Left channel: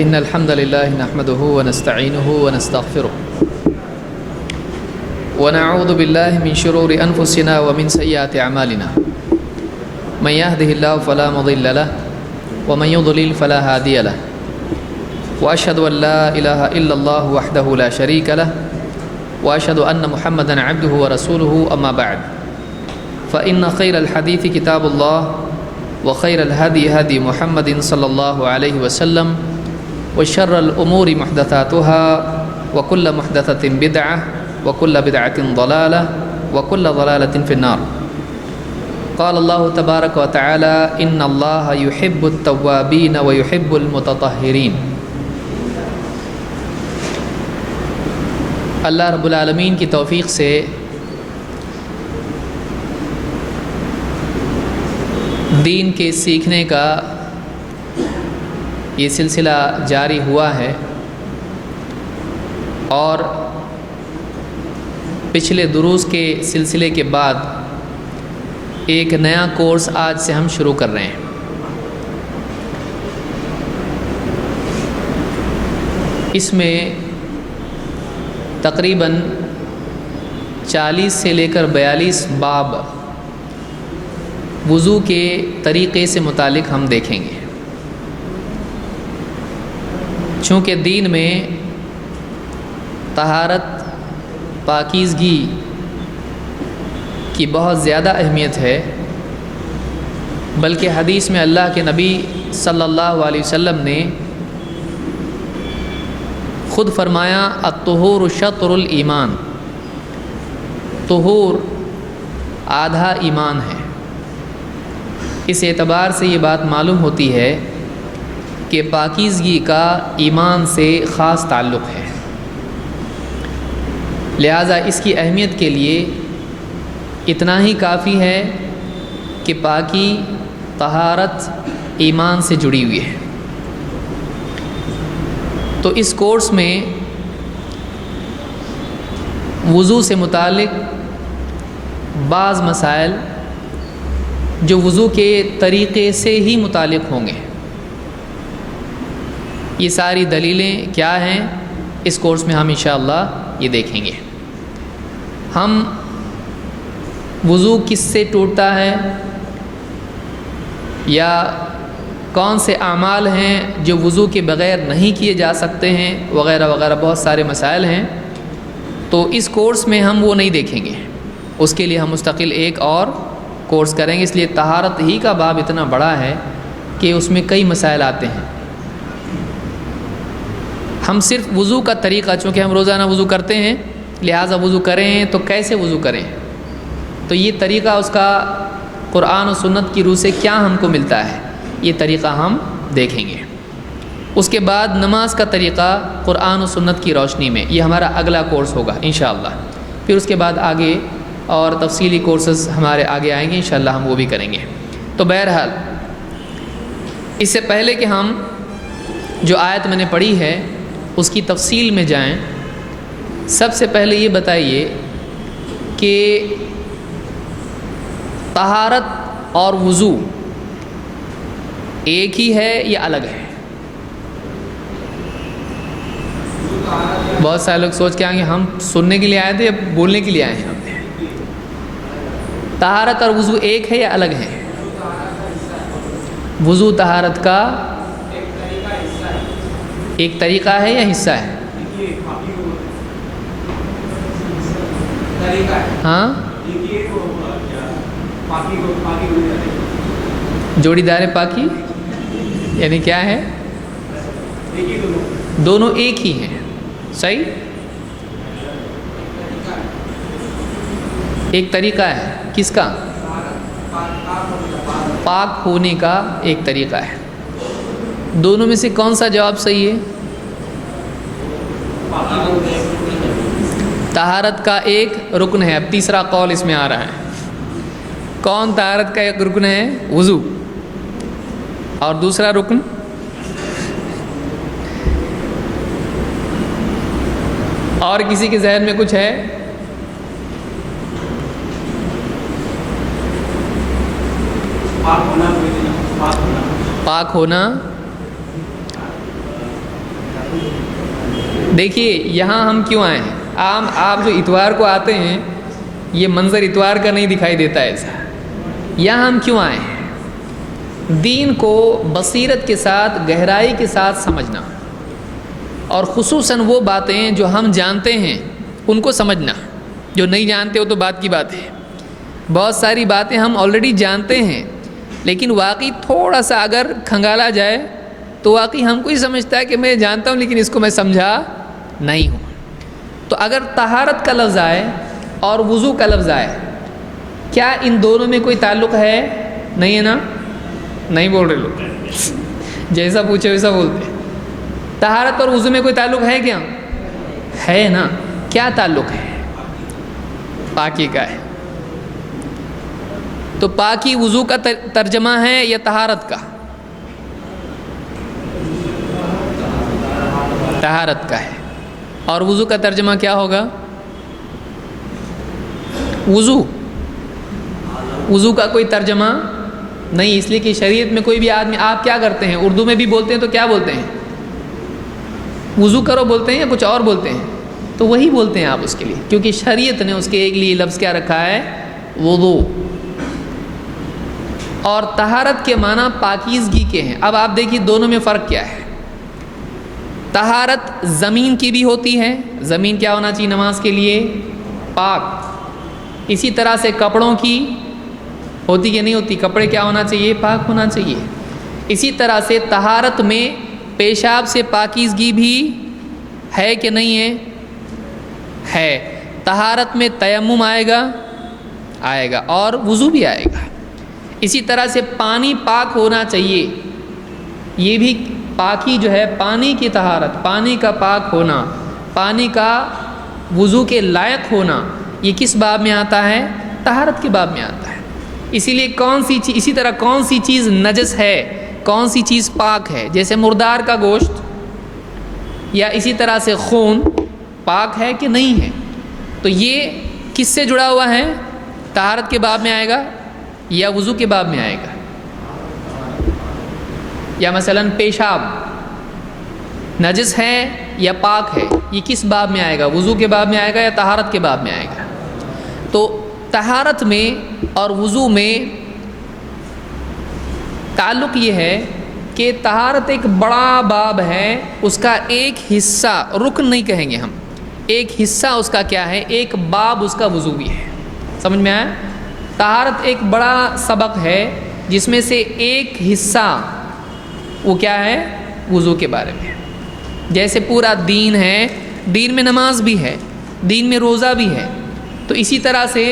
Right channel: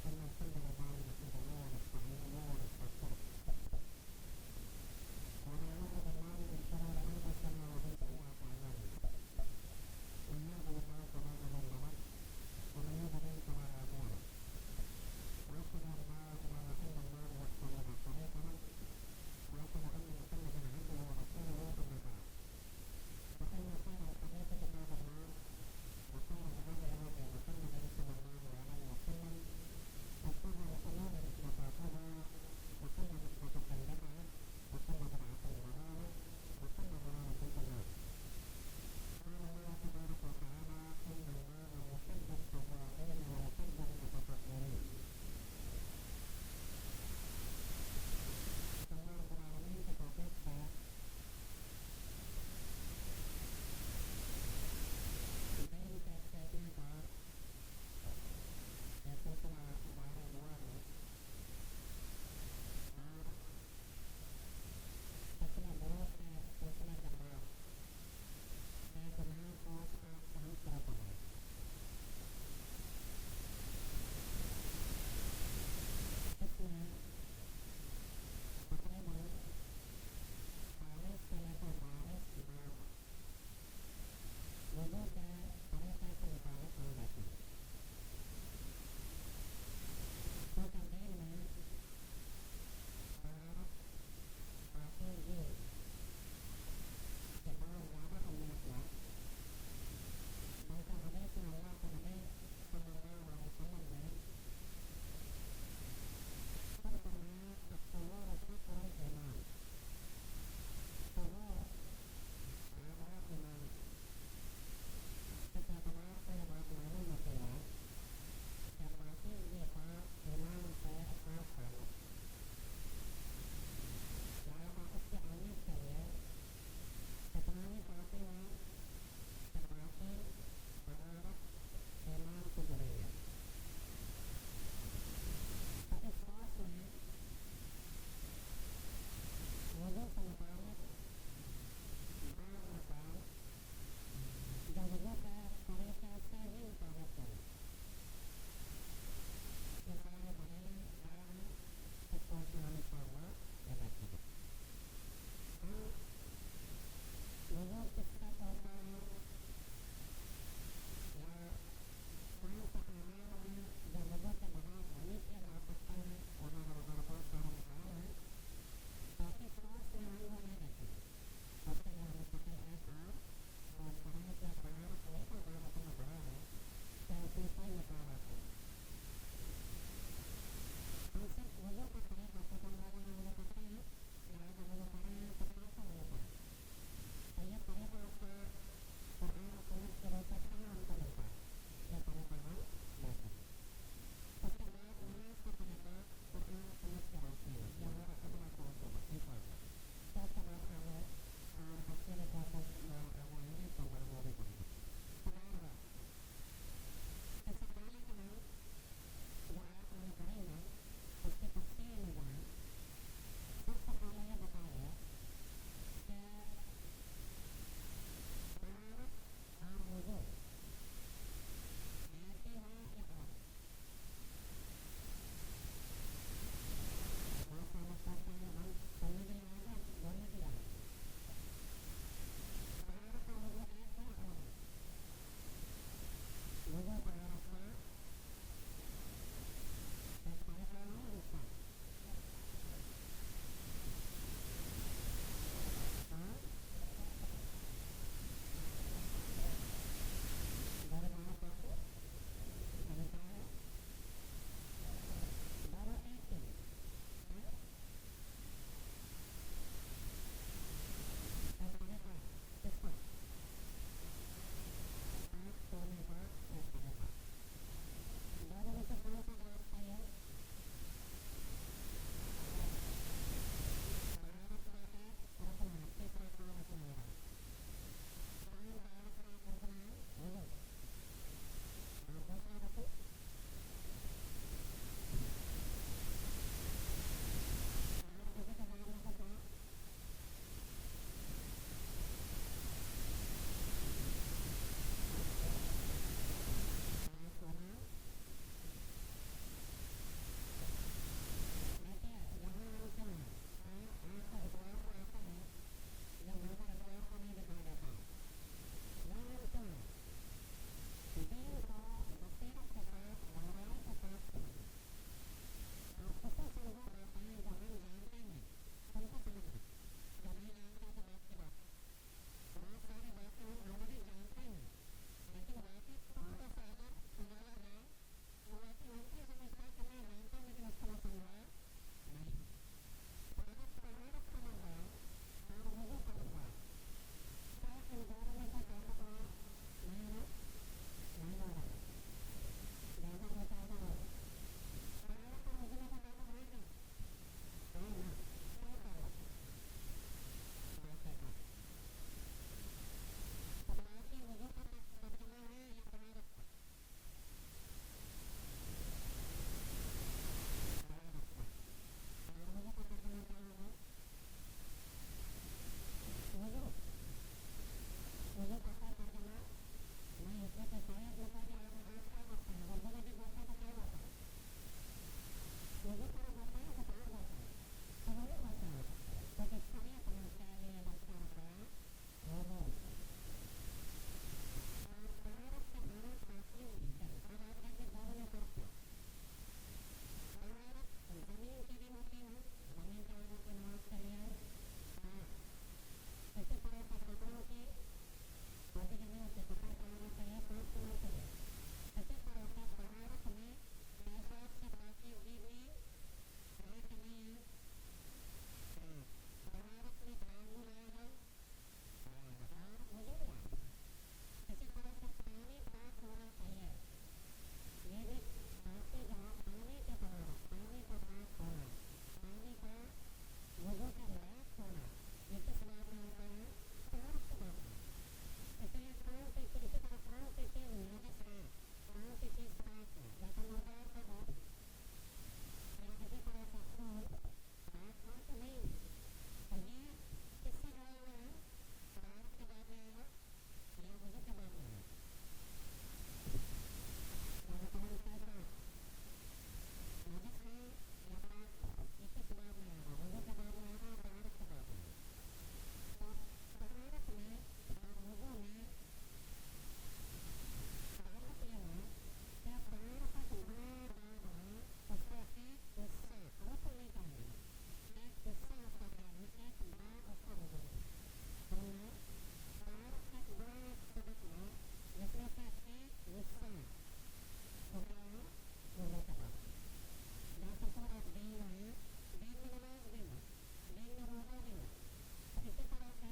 إن الحمد لله نحمده ونستعينه ونستغفره ونعوذ بالله من شرور أنفسنا ومن سيئات أعمالنا من يهده الله فلا مضل له ومن يضلل فلا هادي له وأشهد أن لا إله إلا الله وحده لا شريك له وأشهد أن محمدا عبده ورسوله أما بعد فإن خير الحديث كتاب الله وخير الهدي هدي محمد صلى الله عليه وسلم وشر الأمور محدثاتها وكل محدثة بدعة وكل بدعة ضلالة وكل ضلالة في النار. قال الله تبارك وتعالى إن الله يحب التوابين ويحب المتطهرين. اللہ رب العالمین کی توفیق سے دین کے سیکھنے کا یہ سلسلہ جاری ہوا ہے اور پچھلے دروس کے سلسلے کے بعد ایک نیا کورس آج سے ہم شروع کر رہے ہیں. اس میں تقریباً 40 سے لے کر 42 باب وضو کے طریقے سے متعلق ہم دیکھیں گے. چونکہ دین میں طہارت پاکیزگی کی بہت زیادہ اہمیت ہے، بلکہ حدیث میں اللہ کے نبی صلی اللہ علیہ وسلم نے خود فرمایا الطہور شطر الایمان، طہور آدھا ایمان ہے. اس اعتبار سے یہ بات معلوم ہوتی ہے کہ پاکیزگی کا ایمان سے خاص تعلق ہے. لہذا اس کی اہمیت کے لیے اتنا ہی کافی ہے کہ پاکی طہارت ایمان سے جڑی ہوئی ہے. تو اس کورس میں وضو سے متعلق بعض مسائل جو وضو کے طریقے سے ہی متعلق ہوں گے، یہ ساری دلیلیں کیا ہیں اس کورس میں ہم انشاءاللہ یہ دیکھیں گے. ہم وضو کس سے ٹوٹتا ہے یا کون سے اعمال ہیں جو وضو کے بغیر نہیں کیے جا سکتے ہیں وغیرہ وغیرہ بہت سارے مسائل ہیں. تو اس کورس میں ہم وہ نہیں دیکھیں گے، اس کے لیے ہم مستقل ایک اور کورس کریں گے. اس لیے طہارت ہی کا باب اتنا بڑا ہے کہ اس میں کئی مسائل آتے ہیں. ہم صرف وضو کا طریقہ، چونکہ ہم روزانہ وضو کرتے ہیں لہٰذا وضو کریں تو کیسے وضو کریں، تو یہ طریقہ اس کا قرآن و سنت کی روح سے کیا ہم کو ملتا ہے، یہ طریقہ ہم دیکھیں گے. اس کے بعد نماز کا طریقہ قرآن و سنت کی روشنی میں، یہ ہمارا اگلا کورس ہوگا انشاءاللہ. پھر اس کے بعد آگے اور تفصیلی کورسز ہمارے آگے آئیں گے انشاءاللہ، ہم وہ بھی کریں گے. تو بہرحال اس سے پہلے کہ ہم جو آیت میں نے پڑھی ہے اس کی تفصیل میں جائیں، سب سے پہلے یہ بتائیے کہ طہارت اور وضو ایک ہی ہے یا الگ ہے؟ بہت سارے لوگ سوچ کے آئیں گے ہم سننے کے لیے آئے تھے یا بولنے کے لیے آئے ہیں. ہم نے طہارت اور وضو ایک ہے یا الگ ہے؟ وضو طہارت کا ایک طریقہ ہے یا حصہ ہے؟ ہاں، جوڑی دار پاکی یعنی کیا ہے؟ دونوں ایک ہی ہیں، صحیح. ایک طریقہ ہے کس کا؟ پاک ہونے کا ایک طریقہ ہے. دونوں میں سے کون سا جواب صحیح ہے؟ طہارت کا ایک رکن ہے. اب تیسرا قول اس میں آ رہا ہے. کون طہارت کا ایک رکن ہے؟ وضو. اور دوسرا رکن؟ اور کسی کے ذہن میں کچھ ہے؟ پاک ہونا پاک ہونا دیکھیے یہاں ہم کیوں آئے ہیں؟ آپ جو اتوار کو آتے ہیں یہ منظر اتوار کا نہیں دکھائی دیتا ایسا. یہاں ہم کیوں آئے ہیں؟ دین کو بصیرت کے ساتھ گہرائی کے ساتھ سمجھنا، اور خصوصاً وہ باتیں جو ہم جانتے ہیں ان کو سمجھنا. جو نہیں جانتے ہو تو بات کی بات ہے. بہت ساری باتیں ہم آلریڈی جانتے ہیں، لیکن واقعی تھوڑا سا اگر کھنگالا جائے تو واقعی ہم کو ہی سمجھتا ہے کہ میں جانتا ہوں لیکن اس کو میں سمجھا نہیں ہوں. تو اگر طہارت کا لفظ آئے اور وضو کا لفظ آئے، کیا ان دونوں میں کوئی تعلق ہے؟ نہیں ہے نا؟ نہیں بول رہے لوگ، جیسا پوچھے ویسا بولتے. طہارت اور وضو میں کوئی تعلق ہے کیا؟ ہے نا. کیا تعلق ہے؟ پاکی کا ہے. تو پاکی وضو کا ترجمہ ہے یا طہارت کا؟ طہارت کا ہے. اور وضو کا ترجمہ کیا ہوگا؟ وضو کا کوئی ترجمہ نہیں، اس لیے کہ شریعت میں کوئی بھی آدمی، آپ کیا کرتے ہیں؟ اردو میں بھی بولتے ہیں تو کیا بولتے ہیں؟ وضو کرو بولتے ہیں یا کچھ اور بولتے ہیں؟ تو وہی بولتے ہیں آپ اس کے لیے، کیونکہ شریعت نے اس کے ایک لیے لفظ کیا رکھا ہے؟ وضو. اور طہارت کے معنی پاکیزگی کے ہیں. اب آپ دیکھیے دونوں میں فرق کیا ہے. طہارت زمین کی بھی ہوتی ہے. زمین کیا ہونا چاہیے نماز کے لیے؟ پاک. اسی طرح سے کپڑوں کی ہوتی کہ نہیں ہوتی؟ کپڑے کیا ہونا چاہیے؟ پاک ہونا چاہیے. اسی طرح سے طہارت میں پیشاب سے پاکیزگی بھی ہے کہ نہیں ہے؟ ہے. طہارت میں تیمم آئے گا اور وضو بھی آئے گا. اسی طرح سے پانی پاک ہونا چاہیے. یہ بھی پاکی جو ہے، پانی کی طہارت، پانی کا پاک ہونا، پانی کا وضو کے لائق ہونا، یہ کس باب میں آتا ہے؟ طہارت کے باب میں آتا ہے. اسی لیے اسی طرح کون سی چیز نجس ہے، کون سی چیز پاک ہے؟ جیسے مردار کا گوشت یا اسی طرح سے خون پاک ہے کہ نہیں ہے؟ تو یہ کس سے جڑا ہوا ہے؟ طہارت کے باب میں آئے گا یا وضو کے باب میں آئے گا؟ یا مثلا پیشاب نجس ہے یا پاک ہے، یہ کس باب میں آئے گا؟ وضو کے باب میں آئے گا یا طہارت کے باب میں آئے گا؟ تو طہارت میں اور وضو میں تعلق یہ ہے کہ طہارت ایک بڑا باب ہے، اس کا ایک حصہ، رکن نہیں کہیں گے ہم، ایک حصہ اس کا کیا ہے؟ ایک باب اس کا وضو بھی ہے. سمجھ میں آیا؟ طہارت ایک بڑا سبق ہے جس میں سے ایک حصہ وہ کیا ہے؟ وضو کے بارے میں. جیسے پورا دین ہے، دین میں نماز بھی ہے، دین میں روزہ بھی ہے، تو اسی طرح سے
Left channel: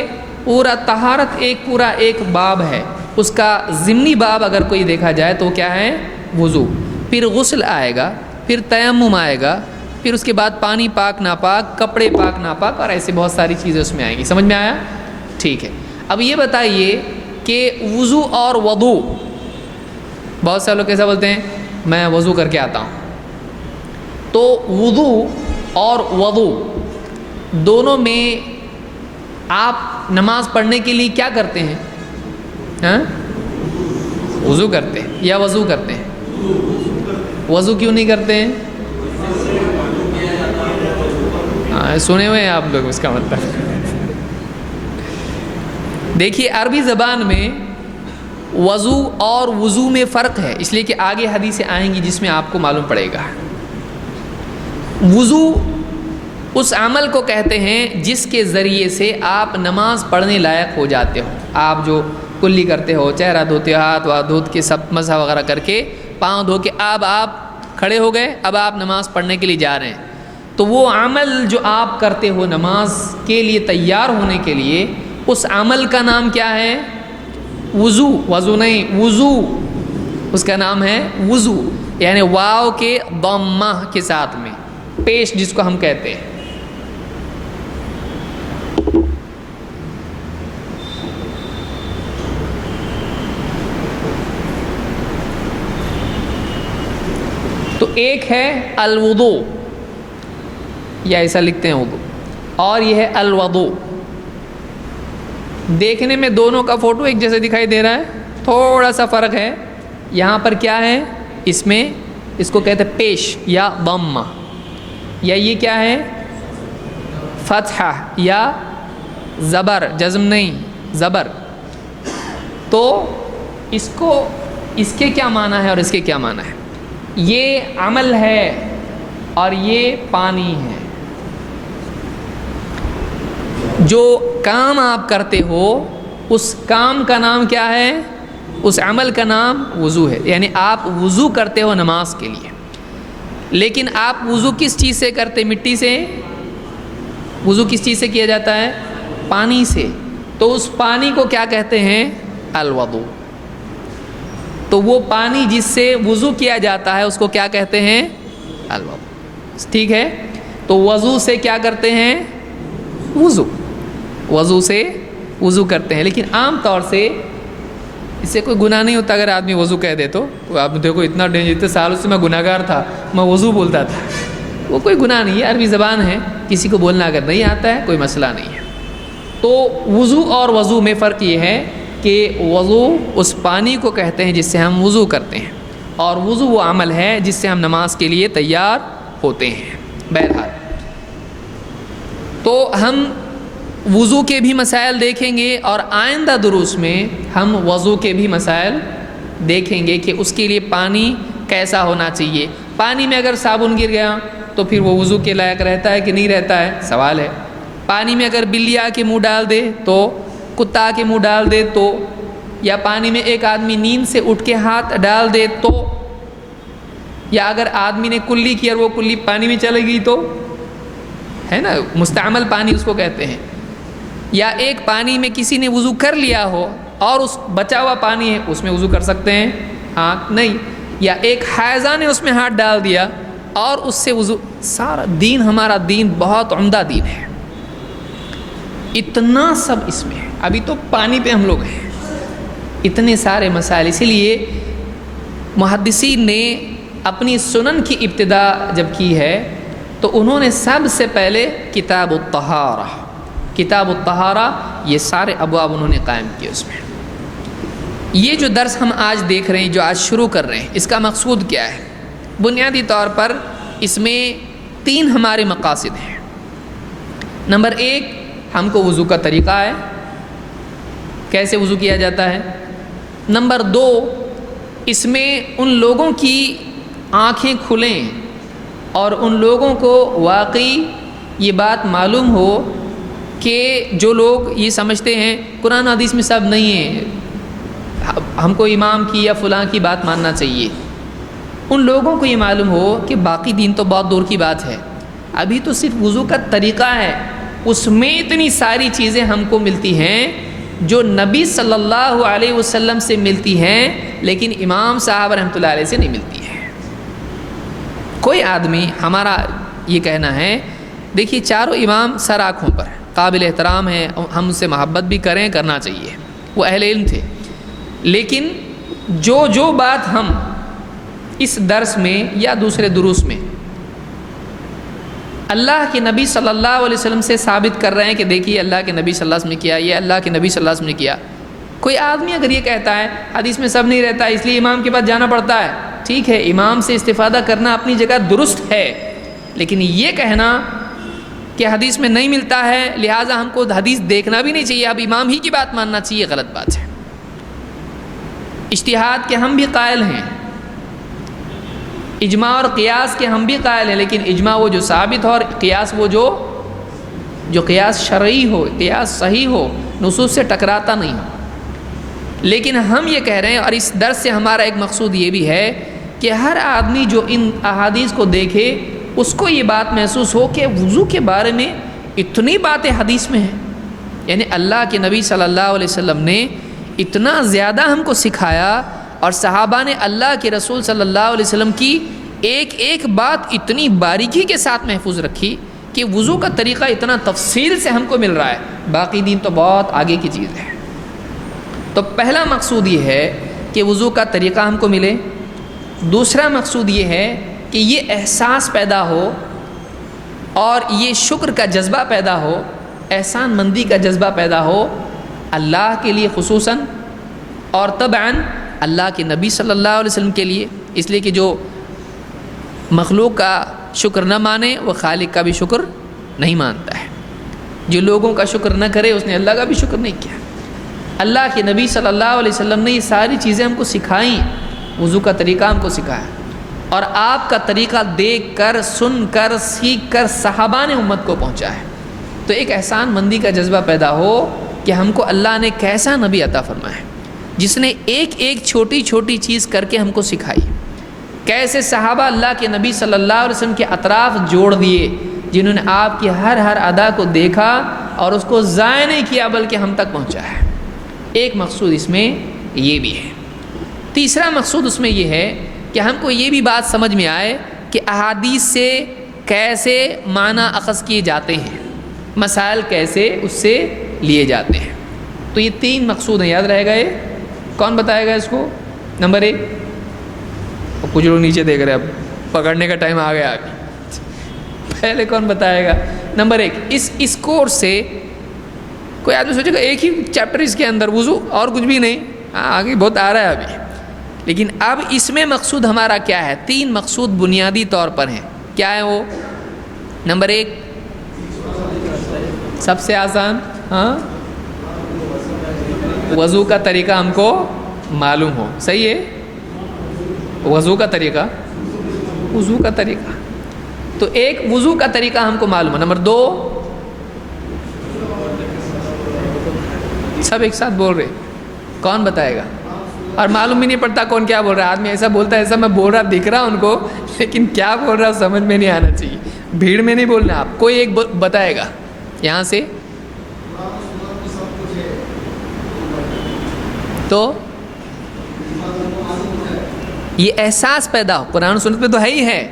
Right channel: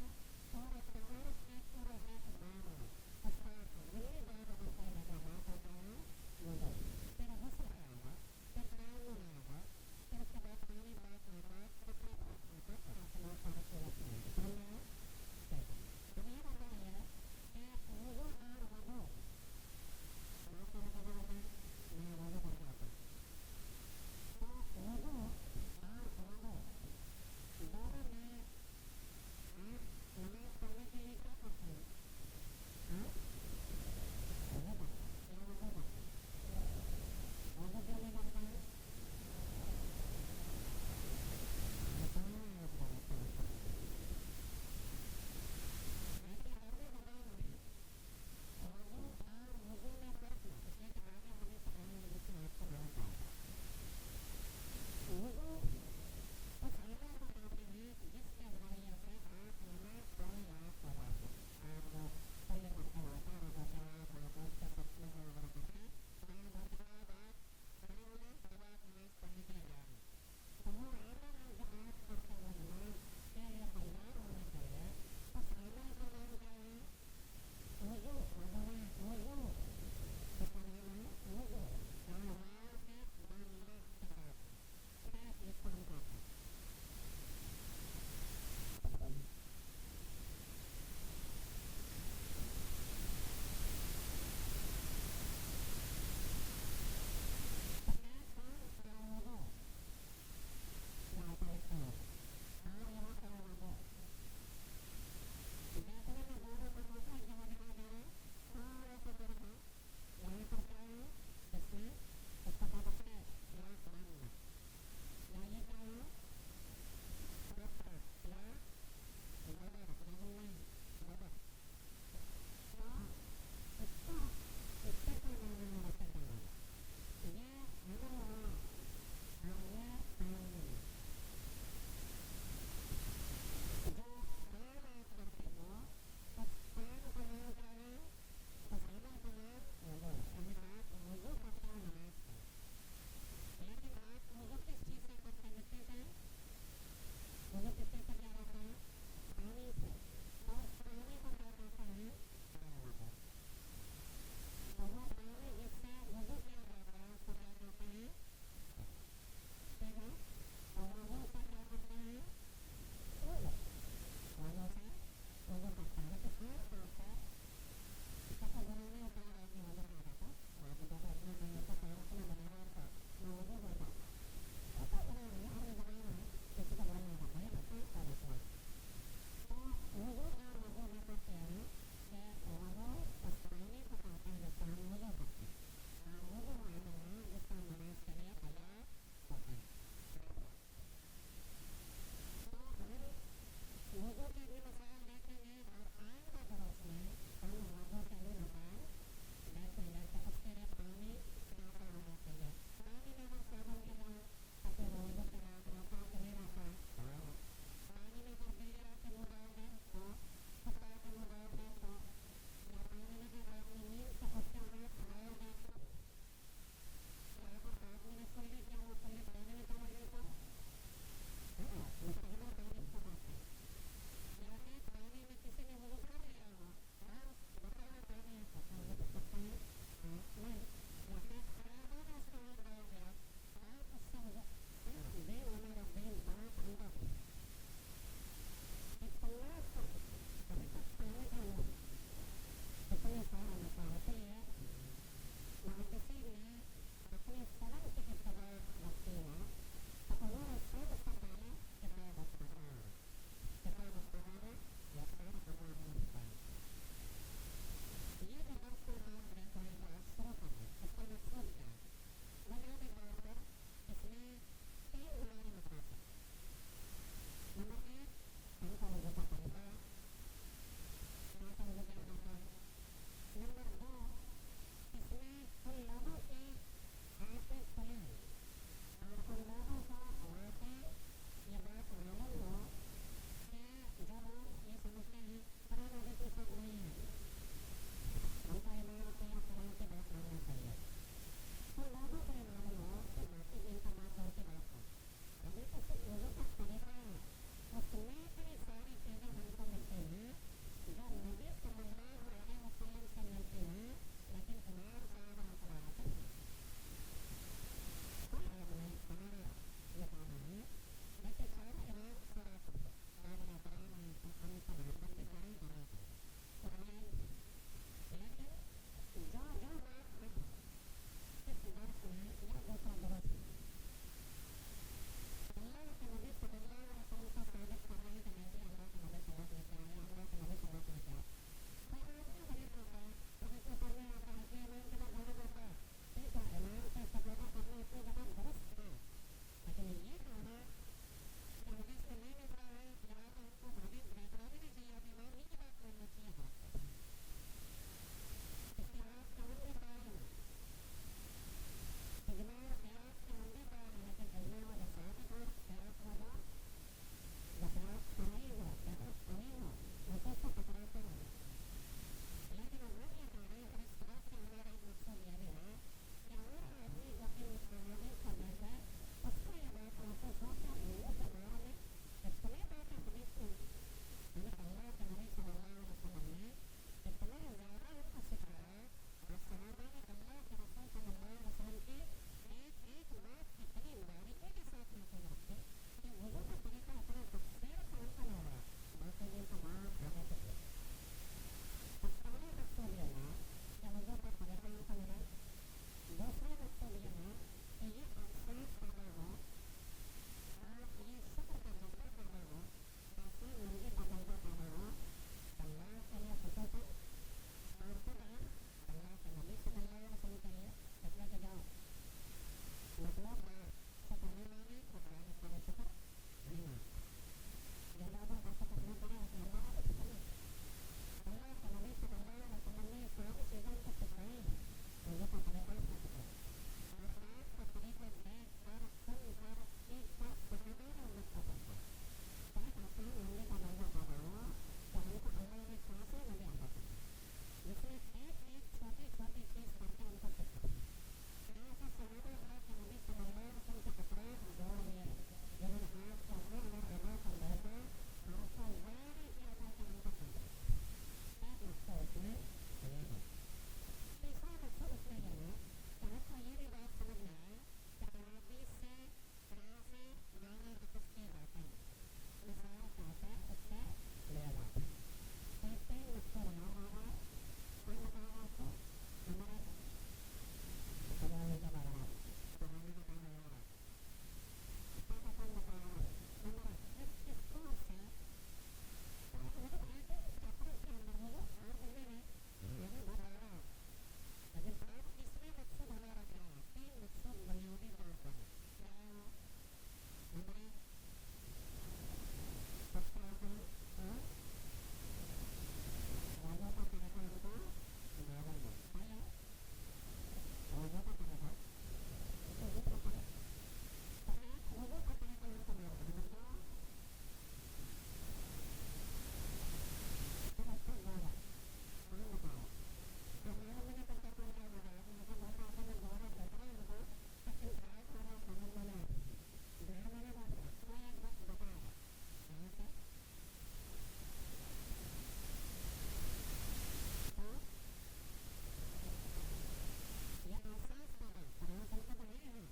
پورا طہارت ایک باب ہے. اس کا ضمنی باب اگر کوئی دیکھا جائے تو کیا ہے؟ وضو. پھر غسل آئے گا، پھر تیمم آئے گا، پھر اس کے بعد پانی پاک ناپاک، کپڑے پاک ناپاک، اور ایسے بہت ساری چیزیں اس میں آئیں گی. سمجھ میں آیا؟ ٹھیک ہے. اب یہ بتائیے کہ وضو اور وضو، بہت سے لوگ کیسا بولتے ہیں؟ میں وضو کر کے آتا ہوں. تو وضو اور وضو دونوں میں آپ نماز پڑھنے کے لیے کیا کرتے ہیں؟ وضو کرتے ہیں یا وضو کرتے ہیں؟ وضو کیوں نہیں کرتے ہیں؟ سنے ہوئے ہیں آپ لوگ اس کا مطلب. دیکھیے عربی زبان میں وضو اور وضو میں فرق ہے، اس لیے کہ آگے حدیثیں آئیں گی جس میں آپ کو معلوم پڑے گا. وضو اس عمل کو کہتے ہیں جس کے ذریعے سے آپ نماز پڑھنے لائق ہو جاتے ہو. آپ جو کلی کرتے ہو، چہرہ دھوتے ہو، ہاتھ دھوت کے سب مسح وغیرہ کر کے، پاؤں دھو کے، اب آپ کھڑے ہو گئے، اب آپ نماز پڑھنے کے لیے جا رہے ہیں. تو وہ عمل جو آپ کرتے ہو نماز کے لیے تیار ہونے کے لیے، اس عمل کا نام کیا ہے؟ وضو. وضو نہیں، وضو، اس کا نام ہے وضو. یعنی واو کے ضمہ کے ساتھ میں پیش، جس کو ہم کہتے ہیں. تو ایک ہے الوضو، یا ایسا لکھتے ہیں وضو، اور یہ ہے الوضو. دیکھنے میں دونوں کا فوٹو ایک جیسے دکھائی دے رہا ہے، تھوڑا سا فرق ہے. یہاں پر کیا ہے؟ اس میں اس کو کہتے ہیں پیش یا ضمہ. یا یہ کیا ہے؟ فتحہ یا زبر، جزم نہیں زبر. تو اس کے کیا معنی ہے اور اس کے کیا معنی ہے؟ یہ عمل ہے اور یہ پانی ہے. جو کام آپ کرتے ہو اس کام کا نام کیا ہے؟ اس عمل کا نام وضو ہے. یعنی آپ وضو کرتے ہو نماز کے لیے، لیکن آپ وضو کس چیز سے کرتے؟ مٹی سے. وضو کس چیز سے کیا جاتا ہے؟ پانی سے. تو اس پانی کو کیا کہتے ہیں؟ الوضو. تو وہ پانی جس سے وضو کیا جاتا ہے اس کو کیا کہتے ہیں؟ الوضو. ٹھیک ہے. تو وضو سے کیا کرتے ہیں؟ وضو سے وضو کرتے ہیں. لیکن عام طور سے اس سے کوئی گناہ نہیں ہوتا اگر آدمی وضو کہہ دے تو. آپ دیکھو اتنا اتنے سالوں سے میں گناہ گار تھا، میں وضو بولتا تھا. وہ کوئی گناہ نہیں ہے، عربی زبان ہے. کسی کو بولنا اگر نہیں آتا ہے کوئی مسئلہ نہیں ہے. تو وضو اور وضو میں فرق یہ ہے کہ وضو اس پانی کو کہتے ہیں جس سے ہم وضو کرتے ہیں، اور وضو وہ عمل ہے جس سے ہم نماز کے لیے تیار ہوتے ہیں. بہرحال تو ہم وضو کے بھی مسائل دیکھیں گے، اور آئندہ دروس میں ہم وضو کے بھی مسائل دیکھیں گے کہ اس کے لیے پانی کیسا ہونا چاہیے. پانی میں اگر صابن گر گیا تو پھر وہ وضو کے لائق رہتا ہے کہ نہیں رہتا ہے؟ سوال ہے. پانی میں اگر بلی آ کے منہ ڈال دے تو، کتا آ کے منہ ڈال دے تو، یا پانی میں ایک آدمی نیند سے اٹھ کے ہاتھ ڈال دے تو، یا اگر آدمی نے کلی کی اور وہ کلی پانی میں چلے گئی تو، ہے نا مستعمل پانی اس کو کہتے ہیں. یا ایک پانی میں کسی نے وضو کر لیا ہو اور اس بچا ہوا پانی ہے اس میں وضو کر سکتے ہیں؟ ہاں نہیں. یا ایک حائضہ نے اس میں ہاتھ ڈال دیا اور اس سے وضو. سارا دین، ہمارا دین بہت عمدہ دین ہے. اتنا سب اس میں ہے. ابھی تو پانی پہ ہم لوگ ہیں. اتنے سارے مسائل. اسی لیے محدثین نے اپنی سنن کی ابتدا جب کی ہے تو انہوں نے سب سے پہلے کتاب الطہارہ یہ سارے ابواب انہوں نے قائم کیے. اس میں یہ جو درس ہم آج دیکھ رہے ہیں، جو آج شروع کر رہے ہیں، اس کا مقصود کیا ہے؟ بنیادی طور پر اس میں 3 ہمارے مقاصد ہیں. نمبر 1، ہم کو وضو کا طریقہ ہے، کیسے وضو کیا جاتا ہے. نمبر 2، اس میں ان لوگوں کی آنکھیں کھلیں اور ان لوگوں کو واقعی یہ بات معلوم ہو کہ جو لوگ یہ سمجھتے ہیں قرآن حدیث میں سب نہیں ہے، ہم کو امام کی یا فلاں کی بات ماننا چاہیے، ان لوگوں کو یہ معلوم ہو کہ باقی دین تو بہت دور کی بات ہے. ابھی تو صرف وضو کا طریقہ ہے، اس میں اتنی ساری چیزیں ہم کو ملتی ہیں جو نبی صلی اللہ علیہ وسلم سے ملتی ہیں لیکن امام صاحب رحمۃ اللہ علیہ سے نہیں ملتی ہیں. کوئی آدمی، ہمارا یہ کہنا ہے، دیکھیے چاروں امام سر آنکھوں پر قابل احترام ہیں، ہم ان سے محبت بھی کرنا چاہیے، وہ اہل علم تھے. لیکن جو بات ہم اس درس میں یا دوسرے دروس میں اللہ کے نبی صلی اللہ علیہ وسلم سے ثابت کر رہے ہیں کہ دیکھیے اللہ کے نبی صلی اللہ علیہ وسلم نے کیا، یہ اللہ کے نبی صلی اللہ علیہ وسلم نے کیا. کوئی آدمی اگر یہ کہتا ہے حدیث میں سب نہیں رہتا اس لیے امام کے پاس جانا پڑتا ہے، ٹھیک ہے، امام سے استفادہ کرنا اپنی جگہ درست ہے، لیکن یہ کہنا کہ حدیث میں نہیں ملتا ہے لہٰذا ہم کو حدیث دیکھنا بھی نہیں چاہیے، اب امام ہی کی بات ماننا چاہیے، غلط بات ہے. اجتہاد کے ہم بھی قائل ہیں، اجماع اور قیاس کے ہم بھی قائل ہیں، لیکن اجماع وہ جو ثابت ہو اور قیاس وہ جو قیاس شرعی ہو، قیاس صحیح ہو، نصوص سے ٹکراتا نہیں ہو. لیکن ہم یہ کہہ رہے ہیں، اور اس درس سے ہمارا ایک مقصود یہ بھی ہے کہ ہر آدمی جو ان احادیث کو دیکھے اس کو یہ بات محسوس ہو کہ وضو کے بارے میں اتنی باتیں حدیث میں ہیں. یعنی اللہ کے نبی صلی اللہ علیہ وسلم نے اتنا زیادہ ہم کو سکھایا، اور صحابہ نے اللہ کے رسول صلی اللہ علیہ وسلم کی ایک ایک بات اتنی باریکی کے ساتھ محفوظ رکھی کہ وضو کا طریقہ اتنا تفصیل سے ہم کو مل رہا ہے. باقی دین تو بہت آگے کی چیز ہے. تو پہلا مقصود یہ ہے کہ وضو کا طریقہ ہم کو ملے. دوسرا مقصود یہ ہے کہ یہ احساس پیدا ہو اور یہ شکر کا جذبہ پیدا ہو، احسان مندی کا جذبہ پیدا ہو اللہ کے لیے خصوصاً، اور طبعاً اللہ کے نبی صلی اللہ علیہ وسلم کے لیے. اس لیے کہ جو مخلوق کا شکر نہ مانے وہ خالق کا بھی شکر نہیں مانتا ہے. جو لوگوں کا شکر نہ کرے اس نے اللہ کا بھی شکر نہیں کیا. اللہ کے نبی صلی اللہ علیہ وسلم نے یہ ساری چیزیں ہم کو سکھائیں. وضو کا طریقہ ہم کو سکھایا اور آپ کا طریقہ دیکھ کر سن کر سیکھ کر صحابہ نے امت کو پہنچا ہے. تو ایک احسان مندی کا جذبہ پیدا ہو کہ ہم کو اللہ نے کیسا نبی عطا فرمایا ہے جس نے ایک ایک چھوٹی چھوٹی چیز کر کے ہم کو سکھائی. کیسے صحابہ اللہ کے نبی صلی اللہ علیہ وسلم کے اطراف جوڑ دیے جنہوں نے آپ کی ہر ادا کو دیکھا اور اس کو ضائع نہیں کیا بلکہ ہم تک پہنچا ہے. ایک مقصود اس میں یہ بھی ہے. تیسرا مقصود اس میں یہ ہے کہ ہم کو یہ بھی بات سمجھ میں آئے کہ احادیث سے کیسے معنی اخذ کیے جاتے ہیں, مسائل کیسے اس سے لیے جاتے ہیں. تو یہ 3 مقصود ہیں, یاد رہے گا. یہ کون بتائے گا اس کو؟ نمبر 1, کچھ لوگ نیچے دیکھ رہے ہیں, اب پکڑنے کا ٹائم آ گیا ابھی. پہلے کون بتائے گا؟ نمبر 1, اس کورس سے کوئی آدمی سوچے گا ایک ہی چیپٹر اس کے اندر وضو اور کچھ بھی نہیں. آگے بہت آ رہا ہے ابھی, لیکن اب اس میں مقصود ہمارا کیا ہے؟ 3 مقصود بنیادی طور پر ہیں. کیا ہے وہ؟ نمبر 1, سب سے آسان, وضو کا طریقہ ہم کو معلوم ہو. صحیح ہے, وضو کا طریقہ تو ایک وضو کا طریقہ ہم کو معلوم ہے. نمبر 2, سب ایک ساتھ بول رہے, کون بتائے گا؟ اور معلوم بھی نہیں پڑتا کون کیا بول رہا ہے. آدمی ایسا بولتا ہے ایسا میں بول رہا دکھ رہا ان کو, لیکن کیا بول رہا سمجھ میں نہیں آنا چاہیے. بھیڑ میں نہیں بولنا. آپ کوئی ایک بتائے گا یہاں سے؟ تو یہ احساس پیدا ہو. قرآن و سنت میں تو ہے ہی ہے,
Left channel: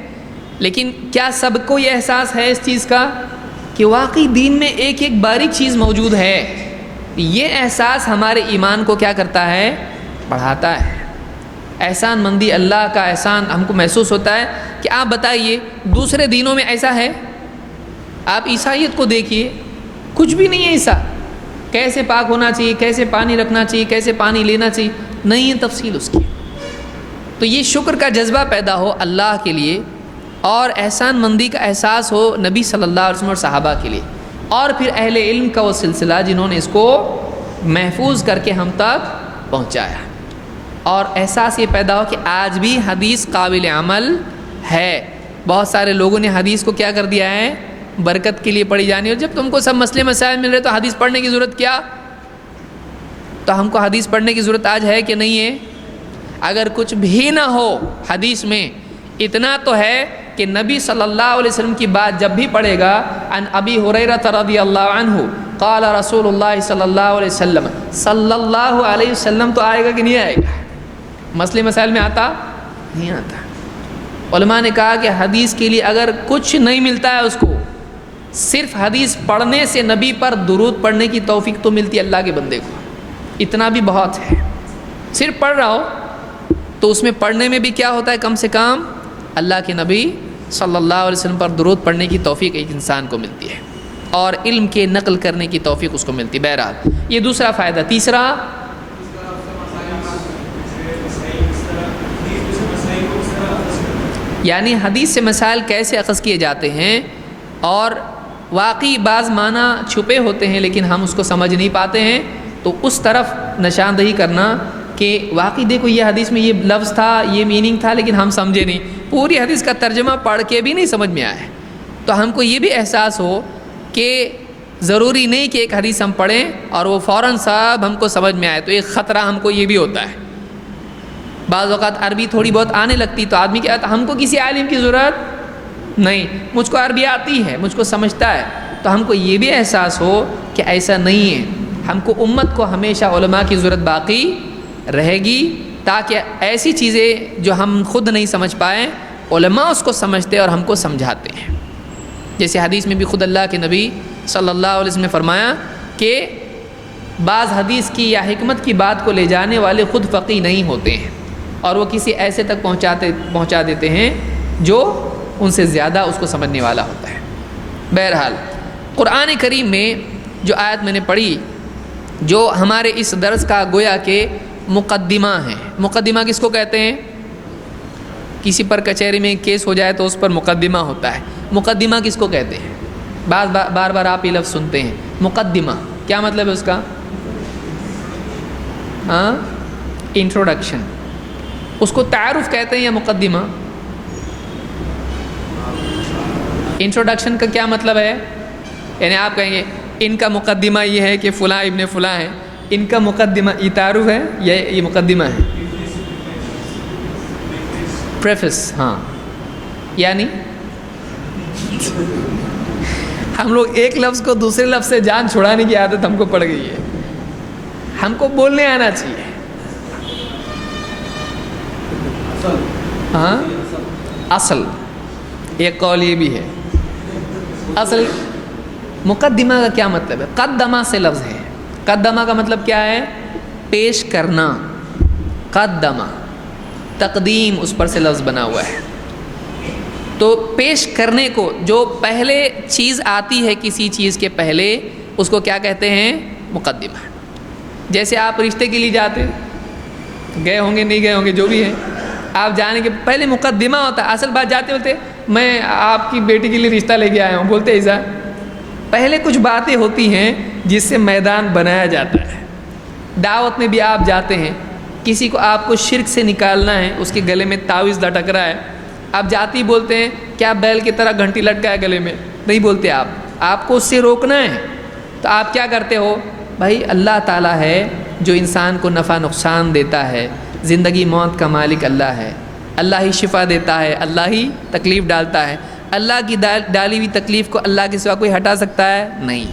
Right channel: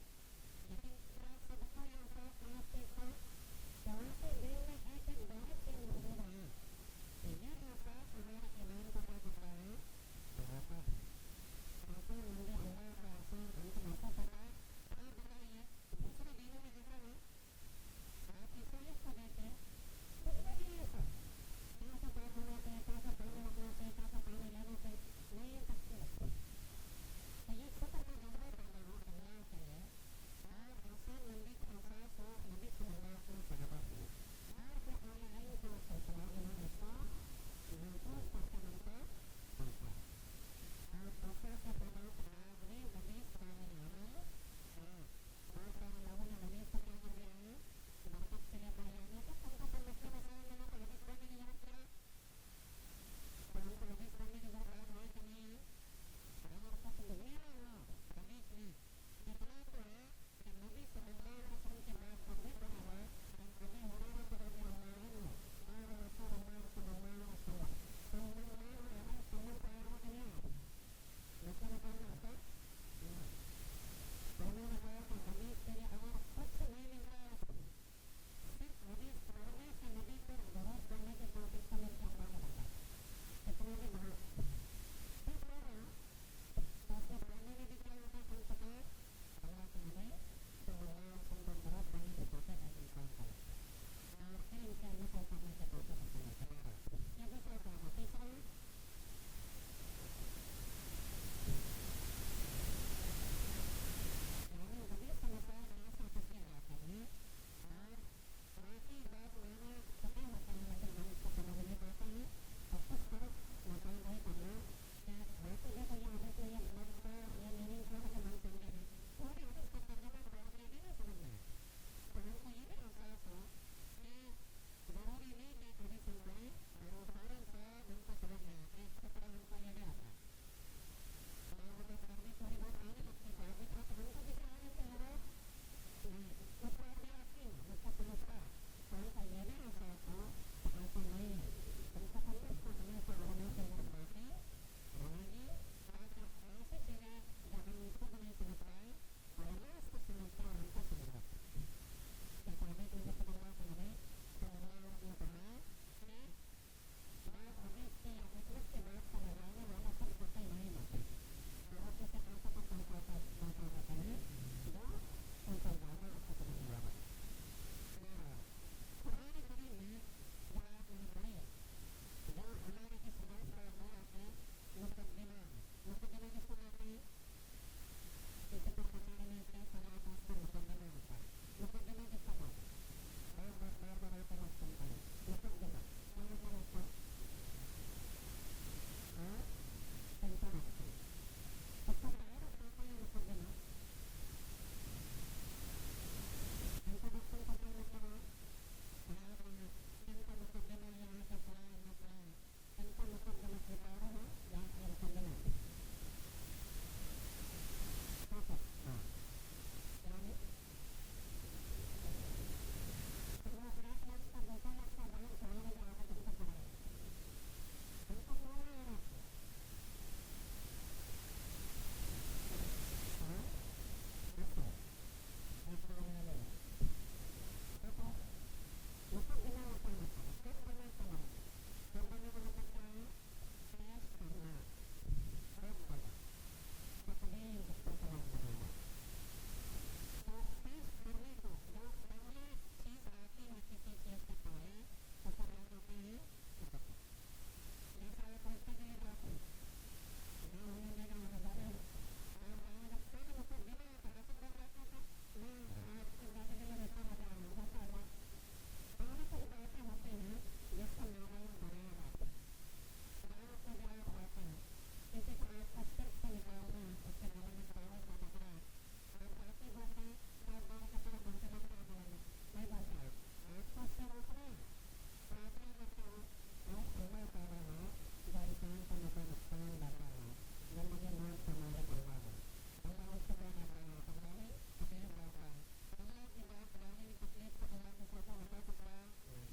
لیکن کیا سب کو یہ احساس ہے اس چیز کا کہ واقعی دین میں ایک ایک باریک چیز موجود ہے؟ یہ احساس ہمارے ایمان کو کیا کرتا ہے؟ بڑھاتا ہے. احسان مندی, اللہ کا احسان ہم کو محسوس ہوتا ہے کہ آپ بتائیے دوسرے دینوں میں ایسا ہے؟ آپ عیسائیت کو دیکھیے, کچھ بھی نہیں ہے ایسا. کیسے پاک ہونا چاہیے, کیسے پانی رکھنا چاہیے, کیسے پانی لینا چاہیے, نہیں ہے تفصیل اس کی. تو یہ شکر کا جذبہ پیدا ہو اللہ کے لیے اور احسان مندی کا احساس ہو نبی صلی اللہ علیہ وسلم اور صحابہ کے لیے, اور پھر اہل علم کا وہ سلسلہ جنہوں نے اس کو محفوظ کر کے ہم تک پہنچایا. اور احساس یہ پیدا ہو کہ آج بھی حدیث قابل عمل ہے. بہت سارے لوگوں نے حدیث کو کیا کر دیا ہے؟ برکت کے لیے پڑھی جانی. اور جب تم کو سب مسئلے مسائل مل رہے تو حدیث پڑھنے کی ضرورت کیا؟ تو ہم کو حدیث پڑھنے کی ضرورت آج ہے کہ نہیں ہے؟ اگر کچھ بھی نہ ہو حدیث میں, اتنا تو ہے کہ نبی صلی اللہ علیہ وسلم کی بات جب بھی پڑھے گا, عن ابی ہریرہ رضی اللہ عنہ قال رسول اللہ صلی اللہ علیہ وسلم تو آئے گا کہ نہیں آئے گا؟ مسئلے مسائل میں آتا نہیں آتا. علماء نے کہا کہ حدیث کے لیے اگر کچھ نہیں ملتا ہے اس کو, صرف حدیث پڑھنے سے نبی پر درود پڑھنے کی توفیق تو ملتی ہے اللہ کے بندے کو. اتنا بھی بہت ہے. صرف پڑھ رہا ہو تو اس میں پڑھنے میں بھی کیا ہوتا ہے؟ کم سے کم اللہ کے نبی صلی اللہ علیہ وسلم پر درود پڑھنے کی توفیق ایک انسان کو ملتی ہے, اور علم کے نقل کرنے کی توفیق اس کو ملتی ہے. بہرحال یہ دوسرا فائدہ. تیسرا, یعنی حدیث سے مسائل کیسے اخذ کیے جاتے ہیں, اور واقعی بعض معنی چھپے ہوتے ہیں لیکن ہم اس کو سمجھ نہیں پاتے ہیں, تو اس طرف نشاندہی کرنا کہ واقعی دیکھو یہ حدیث میں یہ لفظ تھا, یہ میننگ تھا, لیکن ہم سمجھے نہیں. پوری حدیث کا ترجمہ پڑھ کے بھی نہیں سمجھ میں آیا. تو ہم کو یہ بھی احساس ہو کہ ضروری نہیں کہ ایک حدیث ہم پڑھیں اور وہ فوراً سب ہم کو سمجھ میں آئے. تو ایک خطرہ ہم کو یہ بھی ہوتا ہے. بعض اوقات عربی تھوڑی بہت آنے لگتی تو آدمی کیا ہوتا, ہم کو کسی عالم کی ضرورت نہیں, مجھ کو عربی آتی ہے, مجھ کو سمجھتا ہے. تو ہم کو یہ بھی احساس ہو کہ ایسا نہیں ہے. ہم کو امت کو ہمیشہ علماء کی ضرورت باقی رہے گی, تاکہ ایسی چیزیں جو ہم خود نہیں سمجھ پائیں علماء اس کو سمجھتے اور ہم کو سمجھاتے ہیں. جیسے حدیث میں بھی خود اللہ کے نبی صلی اللہ علیہ وسلم نے فرمایا کہ بعض حدیث کی یا حکمت کی بات کو لے جانے والے خود فقیہ نہیں ہوتے ہیں, اور وہ کسی ایسے تک پہنچا دیتے ہیں جو ان سے زیادہ اس کو سمجھنے والا ہوتا ہے. بہرحال قرآن کریم میں جو آیت میں نے پڑھی, جو ہمارے اس درس کا گویا کہ مقدمہ ہے. مقدمہ کس کو کہتے ہیں؟ کسی پر کچہری میں کیس ہو جائے تو اس پر مقدمہ ہوتا ہے. مقدمہ کس کو کہتے ہیں؟ بار بار آپ یہ لفظ سنتے ہیں مقدمہ. کیا مطلب ہے اس کا؟ انٹروڈکشن. اس کو تعارف کہتے ہیں یا مقدمہ؟ انٹروڈکشن کا کیا مطلب ہے؟ یعنی آپ کہیں گے ان کا مقدمہ یہ ہے کہ فلاں ابن فلاں ہے، ان کا مقدمہ یہ تعارف ہے یا یہ مقدمہ ہے؟ پریفس. ہاں، یعنی ہم لوگ ایک لفظ کو دوسرے لفظ سے جان چھڑانے کی عادت ہم کو پڑ گئی ہے. ہم کو بولنے آنا چاہیے. ہاں، اصل. ایک قول یہ بھی ہے اصل. مقدمہ کا کیا مطلب ہے؟ قدمہ سے لفظ ہے. قدمہ کا مطلب کیا ہے؟ پیش کرنا. قدمہ تقدیم اس پر سے لفظ بنا ہوا ہے. تو پیش کرنے کو، جو پہلے چیز آتی ہے کسی چیز کے پہلے، اس کو کیا کہتے ہیں؟ مقدمہ. جیسے آپ رشتے کے لیے جاتے، گئے ہوں گے نہیں گئے ہوں گے جو بھی ہے، آپ جانے کے پہلے مقدمہ ہوتا ہے. اصل بات جاتے ہوتے میں آپ کی بیٹی کے لیے رشتہ لے کے آیا ہوں بولتے ایسا. پہلے کچھ باتیں ہوتی ہیں جس سے میدان بنایا جاتا ہے. دعوت میں بھی آپ جاتے ہیں، کسی کو آپ کو شرک سے نکالنا ہے، اس کے گلے میں تعویذ لٹک رہا ہے، آپ جاتی بولتے ہیں کیا بیل کی طرح گھنٹی لٹکا ہے گلے میں؟ نہیں بولتے آپ کو اس سے روکنا ہے. تو آپ کیا کرتے ہو؟ بھائی اللہ تعالیٰ ہے جو انسان کو نفع نقصان دیتا ہے، زندگی موت کا مالک اللہ ہے، اللہ ہی شفا دیتا ہے، اللہ ہی تکلیف ڈالتا ہے. اللہ کی ڈالی ہوئی تکلیف کو اللہ کے سوا کوئی ہٹا سکتا ہے؟ نہیں.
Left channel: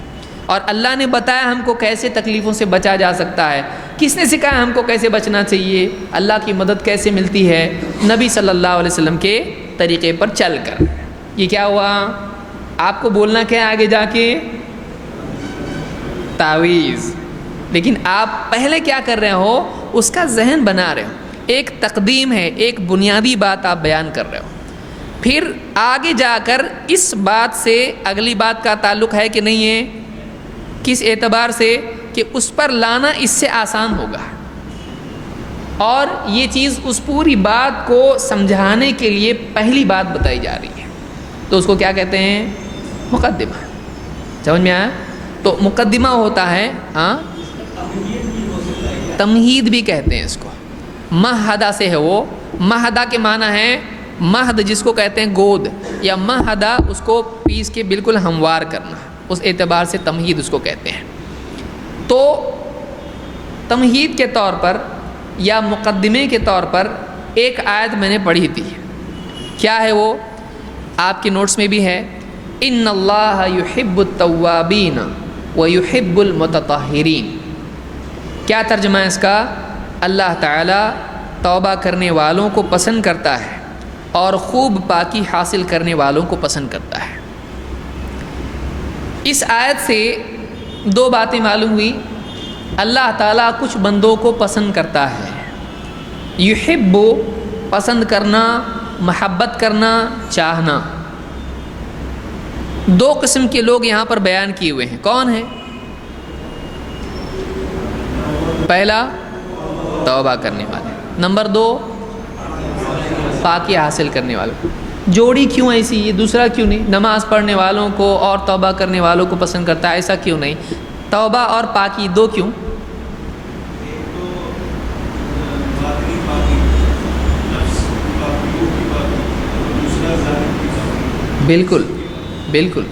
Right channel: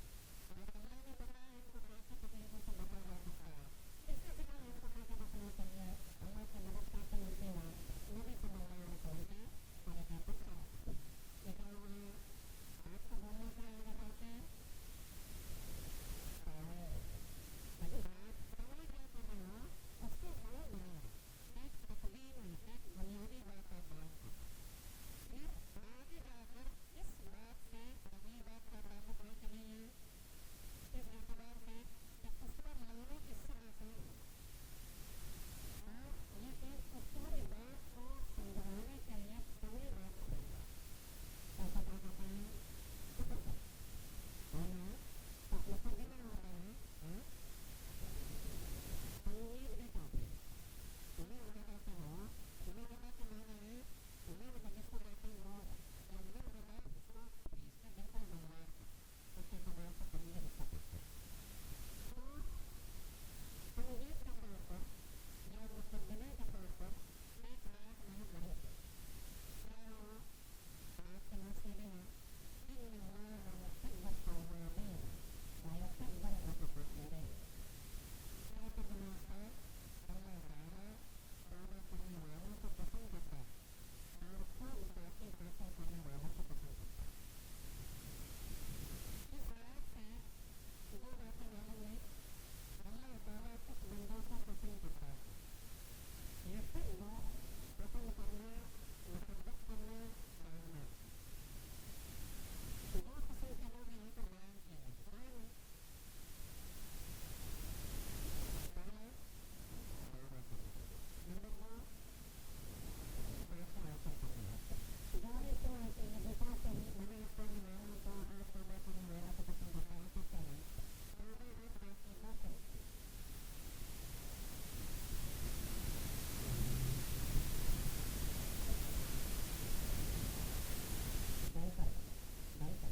اور اللہ نے بتایا ہم کو کیسے تکلیفوں سے بچا جا سکتا ہے. کس نے سکھایا ہم کو کیسے بچنا چاہیے؟ اللہ کی مدد کیسے ملتی ہے؟ نبی صلی اللہ علیہ وسلم کے طریقے پر چل کر. یہ کیا ہوا؟ آپ کو بولنا کیا آگے جا کے؟ تعویذ. لیکن آپ پہلے کیا کر رہے ہو؟ اس کا ذہن بنا رہے ہو. ایک تقدیم ہے، ایک بنیادی بات آپ بیان کر رہے ہو. پھر آگے جا کر اس بات سے اگلی بات کا تعلق ہے کہ نہیں ہے؟ کس اعتبار سے؟ کہ اس پر لانا اس سے آسان ہوگا، اور یہ چیز اس پوری بات کو سمجھانے کے لیے پہلی بات بتائی جا رہی ہے. تو اس کو کیا کہتے ہیں؟ مقدمہ. سمجھ میں آیا؟ تو مقدمہ ہوتا ہے. تمہید بھی کہتے ہیں اس کو. مہدہ سے ہے وہ. مہدہ کے معنی ہے مہد جس کو کہتے ہیں گود، یا مہدہ اس کو پیس کے بالکل ہموار کرنا. اس اعتبار سے تمہید اس کو کہتے ہیں. تو تمہید کے طور پر یا مقدمے کے طور پر ایک آیت میں نے پڑھی تھی. کیا ہے وہ؟ آپ کے نوٹس میں بھی ہے. ان اللہ یحب التوابین ویحب المتطہرین. کیا ترجمہ ہے اس کا؟ اللہ تعالیٰ توبہ کرنے والوں کو پسند کرتا ہے اور خوب پاکی حاصل کرنے والوں کو پسند کرتا ہے. اس آیت سے دو باتیں معلوم ہوئی. اللہ تعالیٰ کچھ بندوں کو پسند کرتا ہے. یحب پسند کرنا، محبت کرنا، چاہنا. دو قسم کے لوگ یہاں پر بیان کیے ہوئے ہیں. کون ہیں؟ پہلا توبہ کرنے والے، نمبر دو پاکی حاصل کرنے والے. جوڑی کیوں ایسی؟ یہ دوسرا کیوں نہیں؟ نماز پڑھنے والوں کو اور توبہ کرنے والوں کو پسند کرتا ہے، ایسا کیوں نہیں؟ توبہ اور پاکی دو کیوں؟ بالکل بالکل.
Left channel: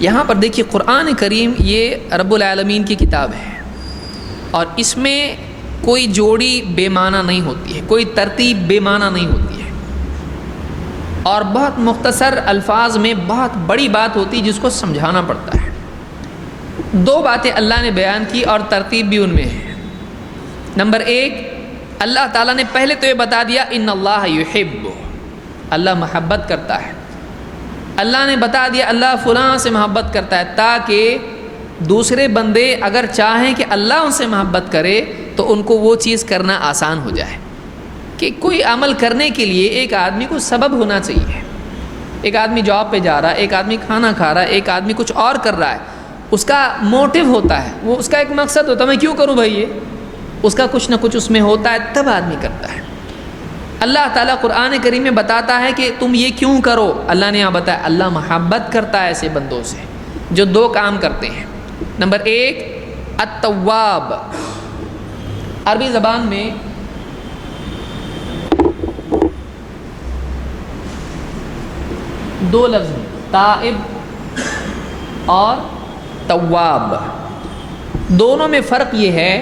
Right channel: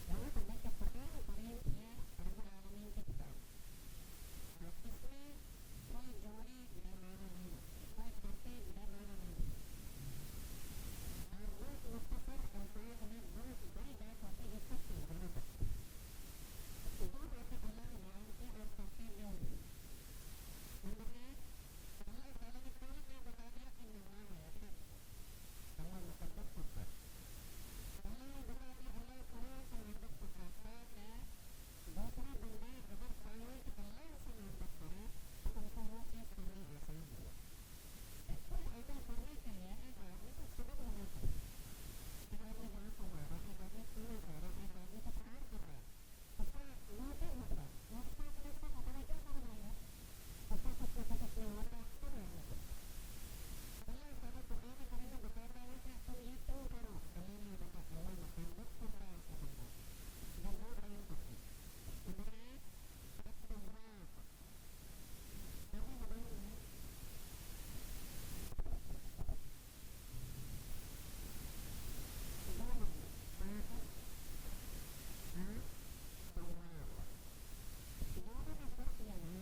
یہاں پر دیکھیے قرآن کریم یہ رب العالمین کی کتاب ہے، اور اس میں کوئی جوڑی بے معنی نہیں ہوتی ہے، کوئی ترتیب بے معنی نہیں ہوتی ہے، اور بہت مختصر الفاظ میں بہت بڑی بات ہوتی ہے جس کو سمجھانا پڑتا ہے. دو باتیں اللہ نے بیان کی اور ترتیب بھی ان میں ہے. نمبر ایک، اللہ تعالیٰ نے پہلے تو یہ بتا دیا ان اللہ یحب، اللہ محبت کرتا ہے. اللہ نے بتا دیا اللہ فلاں سے محبت کرتا ہے، تاکہ دوسرے بندے اگر چاہیں کہ اللہ ان سے محبت کرے تو ان کو وہ چیز کرنا آسان ہو جائے. کہ کوئی عمل کرنے کے لیے ایک آدمی کو سبب ہونا چاہیے. ایک آدمی جاب پہ جا رہا ہے، ایک آدمی کھانا کھا رہا ہے، ایک آدمی کچھ اور کر رہا ہے، اس کا موٹیو ہوتا ہے، وہ اس کا ایک مقصد ہوتا ہے میں کیوں کروں بھائی، یہ اس کا کچھ نہ کچھ اس میں ہوتا ہے، تب آدمی کرتا ہے. اللہ تعالیٰ قرآن کریم میں بتاتا ہے کہ تم یہ کیوں کرو. اللہ نے یہاں بتایا اللہ محبت کرتا ہے ایسے بندوں سے جو دو کام کرتے ہیں. نمبر ایک التواب. عربی زبان میں دو لفظ ہیں تائب اور تواب. دونوں میں فرق یہ ہے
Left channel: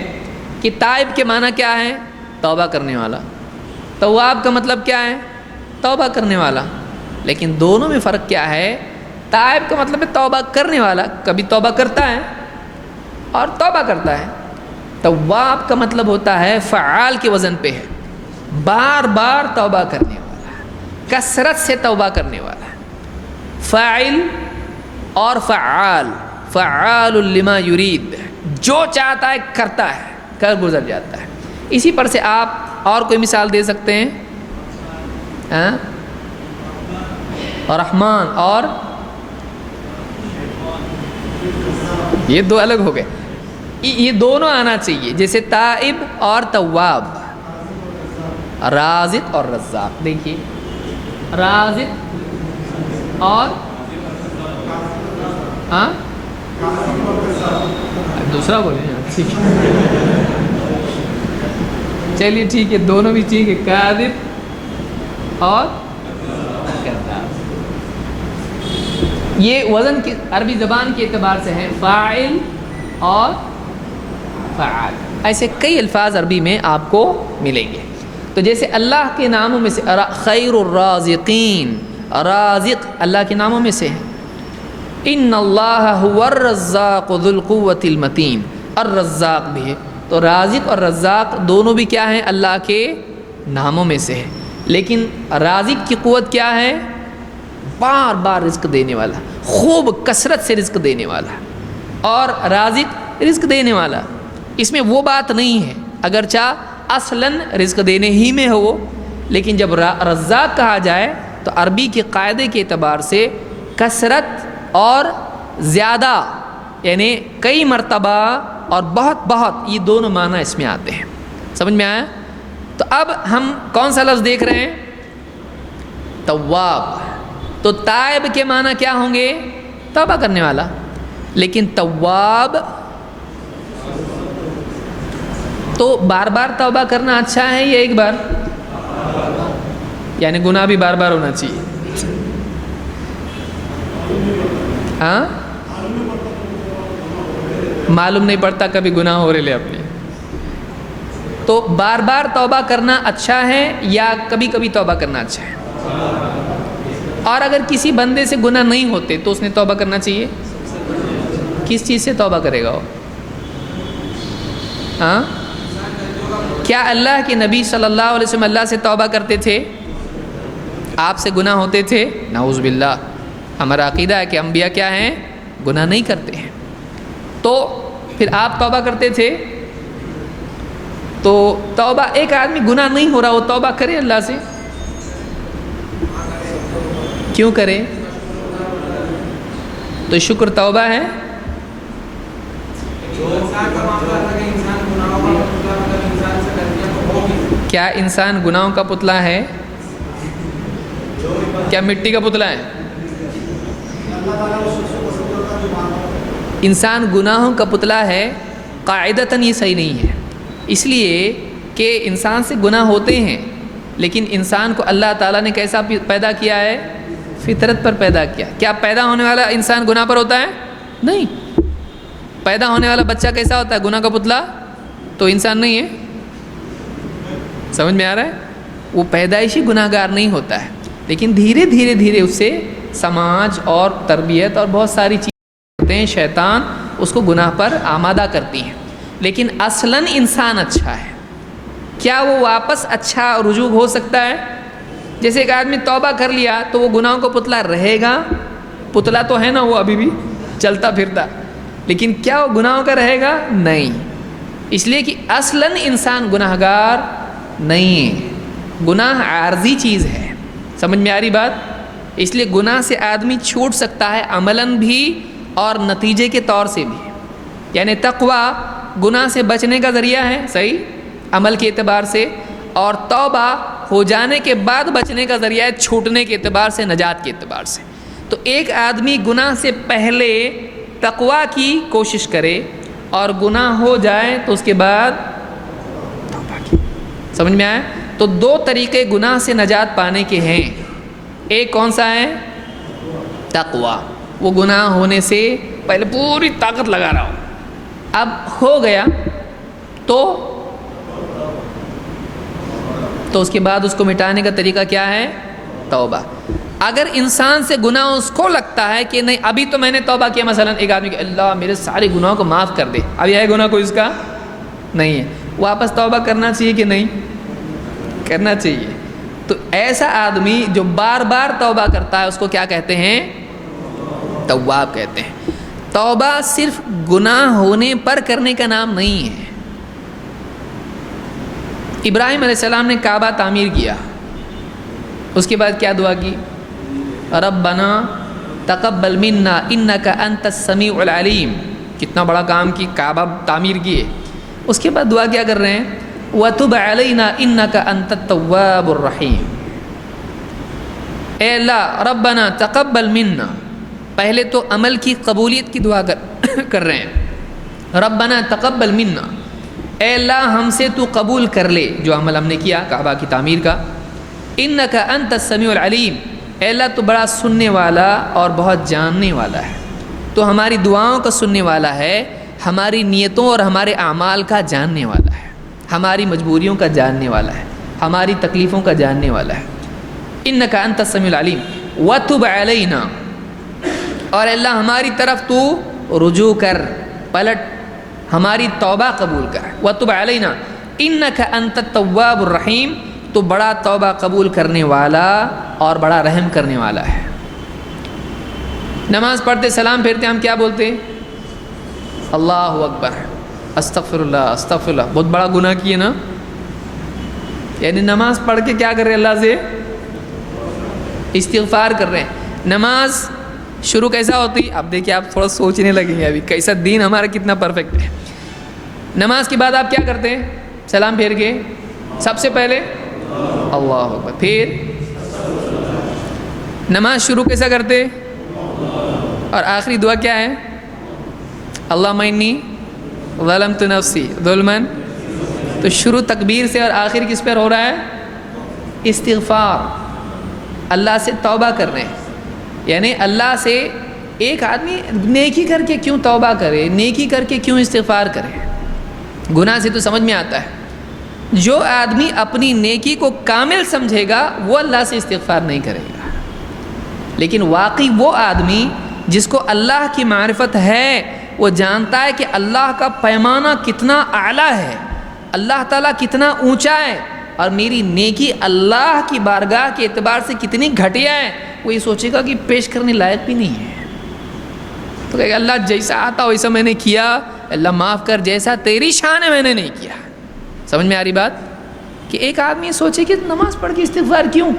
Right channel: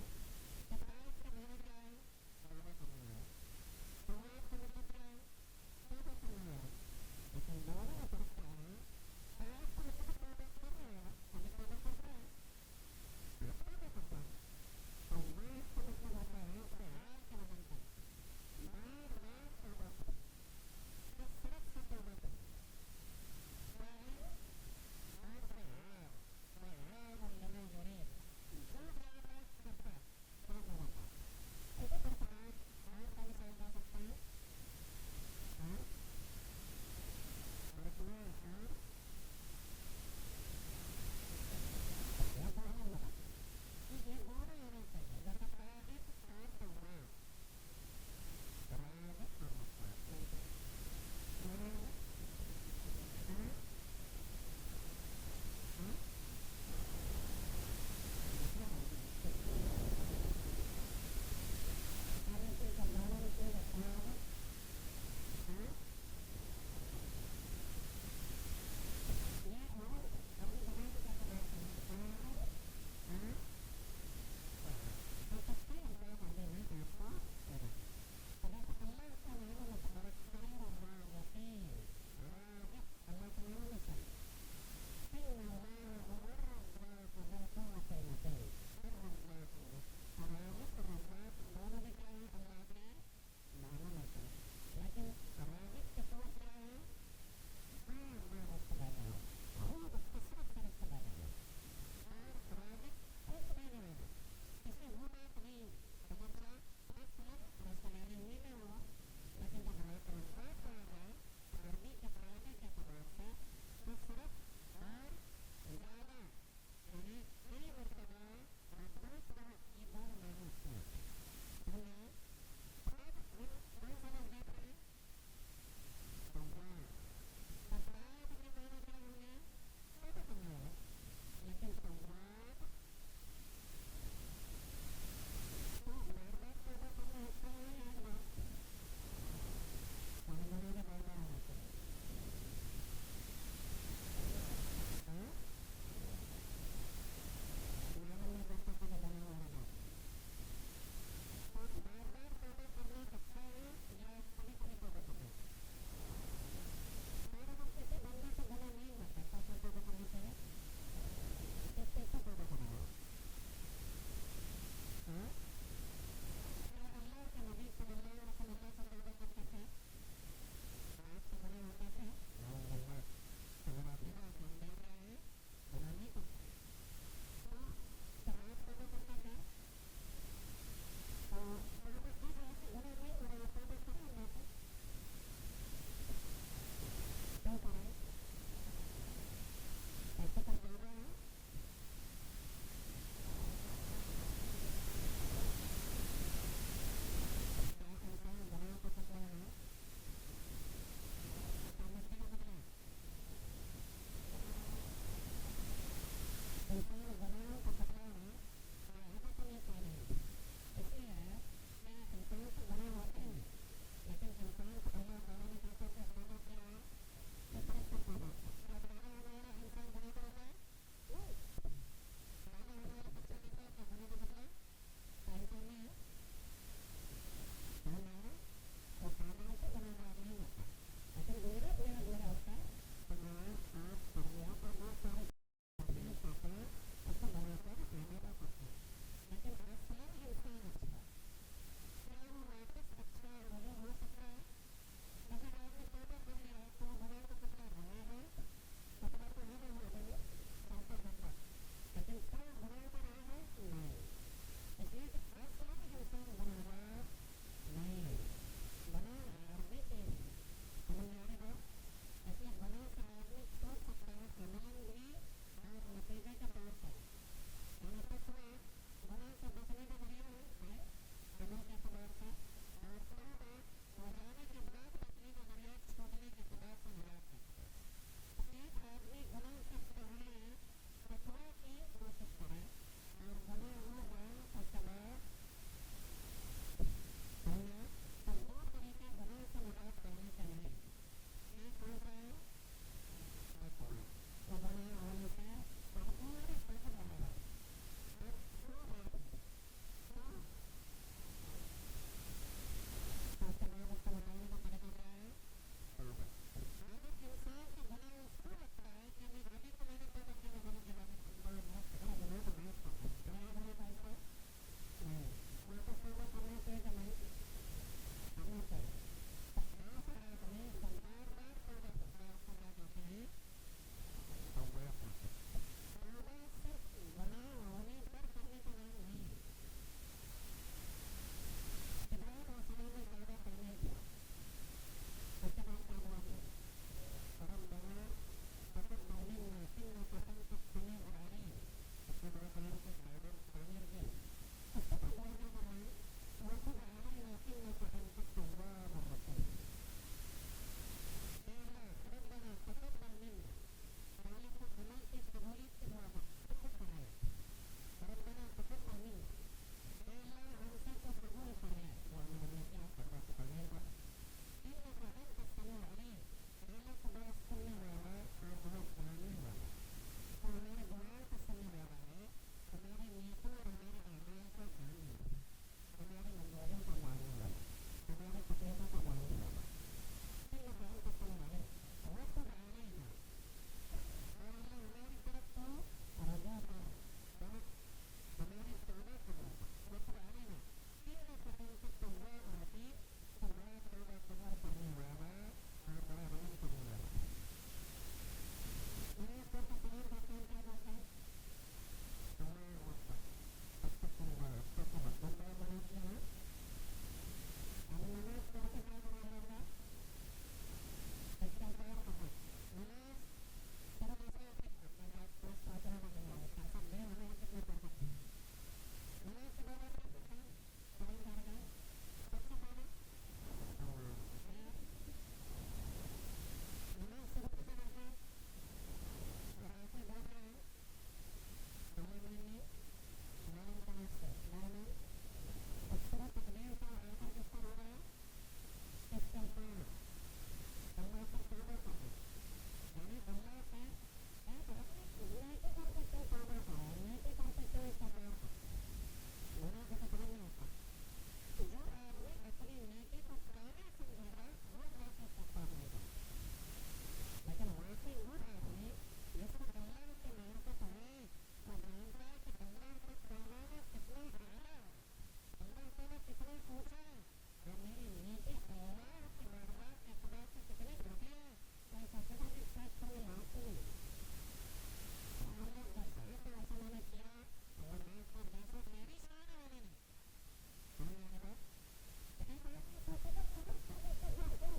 کہ تائب کے معنی کیا ہے؟ توبہ کرنے والا. تواب کا مطلب کیا ہے؟ توبہ کرنے والا. لیکن دونوں میں فرق کیا ہے؟ تائب کا مطلب ہے توبہ کرنے والا، کبھی توبہ کرتا ہے اور توبہ کرتا ہے. تواب کا مطلب ہوتا ہے فعال کے وزن پہ ہے، بار بار توبہ کرنے والا، کثرت سے توبہ کرنے والا. فاعل اور فعال، فعال لما یرید، جو چاہتا ہے کرتا ہے، کر گزر جاتا ہے. اسی پر سے آپ اور کوئی مثال دے سکتے ہیں؟ رحمان اور یہ دو الگ ہو گئے. یہ دونوں آنا چاہیے، جیسے تائب اور تواب، رازق اور رزاق. دیکھیے رازق اور دوسرا بولیں. ٹھیک ہے چلیے ٹھیک ہے، دونوں بھی ٹھیک ہے. کاذب اور کذاب. یہ وزن کی عربی زبان کے اعتبار سے ہے فاعل اور فعال. ایسے کئی الفاظ عربی میں آپ کو ملیں گے. تو جیسے اللہ کے ناموں میں سے خیر الرازقین، رازق اللہ کے ناموں میں سے ہے. ان اللہ هو الرزاق ذو القوة المتین، الرزاق بھی ہے. تو رازق اور رزاق دونوں بھی کیا ہیں؟ اللہ کے ناموں میں سے ہے. لیکن رازق کی قوت کیا ہے؟ بار بار رزق دینے والا، خوب کثرت سے رزق دینے والا. اور رازق رزق دینے والا، اس میں وہ بات نہیں ہے اگرچہ اصلاً رزق دینے ہی میں ہو، لیکن جب رزاق کہا جائے تو عربی کے قاعدے کے اعتبار سے کثرت اور زیادہ، یعنی کئی مرتبہ اور بہت بہت، یہ دونوں معنی اس میں آتے ہیں. سمجھ میں آیا؟ تو اب ہم کون سا لفظ دیکھ رہے ہیں؟ تواب. تو تائب کے معنی کیا ہوں گے؟ توبہ کرنے والا. لیکن تواب تو بار بار توبہ کرنا اچھا ہے یا ایک بار؟ یعنی گناہ بھی بار بار ہونا چاہیے. ہاں معلوم نہیں پڑتا کبھی گناہ ہو رہے لے اپنے. تو بار بار توبہ کرنا اچھا ہے یا کبھی کبھی توبہ کرنا اچھا ہے؟ اور اگر کسی بندے سے گناہ نہیں ہوتے تو اس نے توبہ کرنا چاہیے. کس چیز سے توبہ کرے گا وہ؟ ہاں کیا اللہ کے نبی صلی اللہ علیہ وسلم اللہ سے توبہ کرتے تھے؟ آپ سے گناہ ہوتے تھے؟ نعوذ باللہ. ہمارا عقیدہ ہے کہ انبیاء کیا ہیں؟ گناہ نہیں کرتے ہیں. تو پھر آپ توبہ کرتے تھے؟ تو توبہ، ایک آدمی گناہ نہیں ہو رہا وہ توبہ کرے اللہ سے؟ کیوں کرے؟ تو شکر توبہ ہے. کیا انسان گناہوں کا پتلا ہے؟ کیا مٹی کا پتلا ہے؟ انسان گناہوں کا پتلا ہے، قاعدتاً یہ صحیح نہیں ہے. اس لیے کہ انسان سے گناہ ہوتے ہیں، لیکن انسان کو اللہ تعالیٰ نے کیسا پیدا کیا ہے؟ فطرت پر پیدا کیا. کیا پیدا ہونے والا انسان گناہ پر ہوتا ہے؟ نہیں. پیدا ہونے والا بچہ کیسا ہوتا ہے؟ گناہ کا پتلا. تو انسان نہیں ہے. سمجھ میں آ رہا ہے؟ وہ پیدائشی گناہ گار نہیں ہوتا ہے، لیکن دھیرے دھیرے دھیرے اس سے سماج اور تربیت اور بہت ساری چیزیں ہوتے ہیں، شیطان اس کو گناہ پر آمادہ کرتی ہیں. لیکن اصلاً انسان اچھا ہے. کیا وہ واپس اچھا رجوع ہو سکتا ہے؟ جیسے ایک آدمی توبہ کر لیا تو وہ گناہوں کو پتلا رہے گا؟ پتلا تو ہے نا، وہ ابھی بھی چلتا پھرتا، لیکن کیا وہ گناہوں کا رہے گا؟ نہیں. اس لیے کہ اصلاً انسان گناہ گار نہیں ہے. گناہ عارضی چیز ہے. سمجھ میں آ رہی بات؟ اس لیے گناہ سے آدمی چھوٹ سکتا ہے عملاً بھی اور نتیجے کے طور سے بھی. یعنی تقوی گناہ سے بچنے کا ذریعہ ہے، صحیح عمل کے اعتبار سے، اور توبہ ہو جانے کے بعد بچنے کا ذریعہ ہے، چھوٹنے کے اعتبار سے، نجات کے اعتبار سے۔ تو ایک آدمی گناہ سے پہلے تقویٰ کی کوشش کرے اور گناہ ہو جائے تو اس کے بعد توبہ کی۔ سمجھ میں آیا؟ تو دو طریقے گناہ سے نجات پانے کے ہیں۔ ایک کون سا ہے؟ تقویٰ، وہ گناہ ہونے سے پہلے پوری طاقت لگا رہا ہو، اب ہو گیا تو اس کے بعد اس کو مٹانے کا طریقہ کیا ہے؟ توبہ۔ اگر انسان سے گناہ اس کو لگتا ہے کہ نہیں ابھی تو میں نے توبہ کیا، مثلا ایک آدمی کہ اللہ میرے سارے گناہوں کو معاف کر دے، ابھی ہے گناہ کوئی اس کا نہیں ہے، واپس توبہ کرنا چاہیے کہ نہیں کرنا چاہیے؟ تو ایسا آدمی جو بار بار توبہ کرتا ہے اس کو کیا کہتے ہیں؟ تواب کہتے ہیں۔ توبہ صرف گناہ ہونے پر کرنے کا نام نہیں ہے۔ ابراہیم علیہ السلام نے کعبہ تعمیر کیا، اس کے بعد کیا دعا کی؟ ربنا تقبل منا انک انت السمیع العلیم۔ کتنا بڑا کام کی، کعبہ تعمیر کیے، اس کے بعد دعا کیا کر رہے ہیں؟ وتب علینا انک انت التواب الرحیم۔ اے اللہ ربنا تقبل منا، پہلے تو عمل کی قبولیت کی دعا کر رہے ہیں، ربنا تقبل منا، اے اللہ ہم سے تو قبول کر لے جو عمل ہم نے کیا کعبہ کی تعمیر کا، انک انت السمیع العلیم، اے اللہ تو بڑا سننے والا اور بہت جاننے والا ہے، تو ہماری دعاؤں کا سننے والا ہے، ہماری نیتوں اور ہمارے اعمال کا جاننے والا ہے، ہماری مجبوریوں کا جاننے والا ہے، ہماری تکلیفوں کا جاننے والا ہے۔ انک انت السمیع العلیم وتب علینا، اور اللہ ہماری طرف تو رجوع کر، پلٹ، ہماری توبہ قبول کر۔ وتب علینا انک انت التواب الرحیم، تو بڑا توبہ قبول کرنے والا اور بڑا رحم کرنے والا ہے۔ نماز پڑھتے سلام پھیرتے ہم کیا بولتے؟ اللہ اکبر، استغفر اللہ استغفر اللہ، بہت بڑا گناہ کیے نا، یعنی نماز پڑھ کے کیا کر رہے ہیں؟ اللہ سے استغفار کر رہے ہیں۔ نماز شروع کیسا ہوتی؟ اب دیکھیں آپ تھوڑا سوچنے لگیں گے ابھی کیسا دین ہمارا کتنا پرفیکٹ ہے۔ نماز کے بعد آپ کیا کرتے ہیں؟ سلام پھیر کے سب سے پہلے اللہ اکبر، پھر نماز شروع کیسا کرتے؟ اور آخری دعا کیا ہے؟ اللہم انی ظلمت نفسی ظلما، تو شروع تکبیر سے اور آخر کس پر ہو رہا ہے؟ استغفار، اللہ سے توبہ کر رہے ہیں۔ یعنی اللہ سے ایک آدمی نیکی کر کے کیوں توبہ کرے، نیکی کر کے کیوں استغفار کرے؟ گناہ سے تو سمجھ میں آتا ہے، جو آدمی اپنی نیکی کو کامل سمجھے گا وہ اللہ سے استغفار نہیں کرے گا، لیکن واقعی وہ آدمی جس کو اللہ کی معرفت ہے، وہ جانتا ہے کہ اللہ کا پیمانہ کتنا اعلیٰ ہے، اللہ تعالیٰ کتنا اونچا ہے، اور میری نیکی اللہ کی بارگاہ کے اعتبار سے کتنی گھٹیا ہے، وہ یہ سوچے گا کہ پیش کرنے لائق بھی نہیں ہے، تو کہے گا اللہ جیسا آتا ویسا میں نے کیا، اللہ معاف کر، جیسا تیری شان ہے میں نے نہیں کیا۔ سمجھ میں آ رہی بات؟ کہ ایک آدمی سوچے کہ نماز پڑھ کے استغفار کیوں؟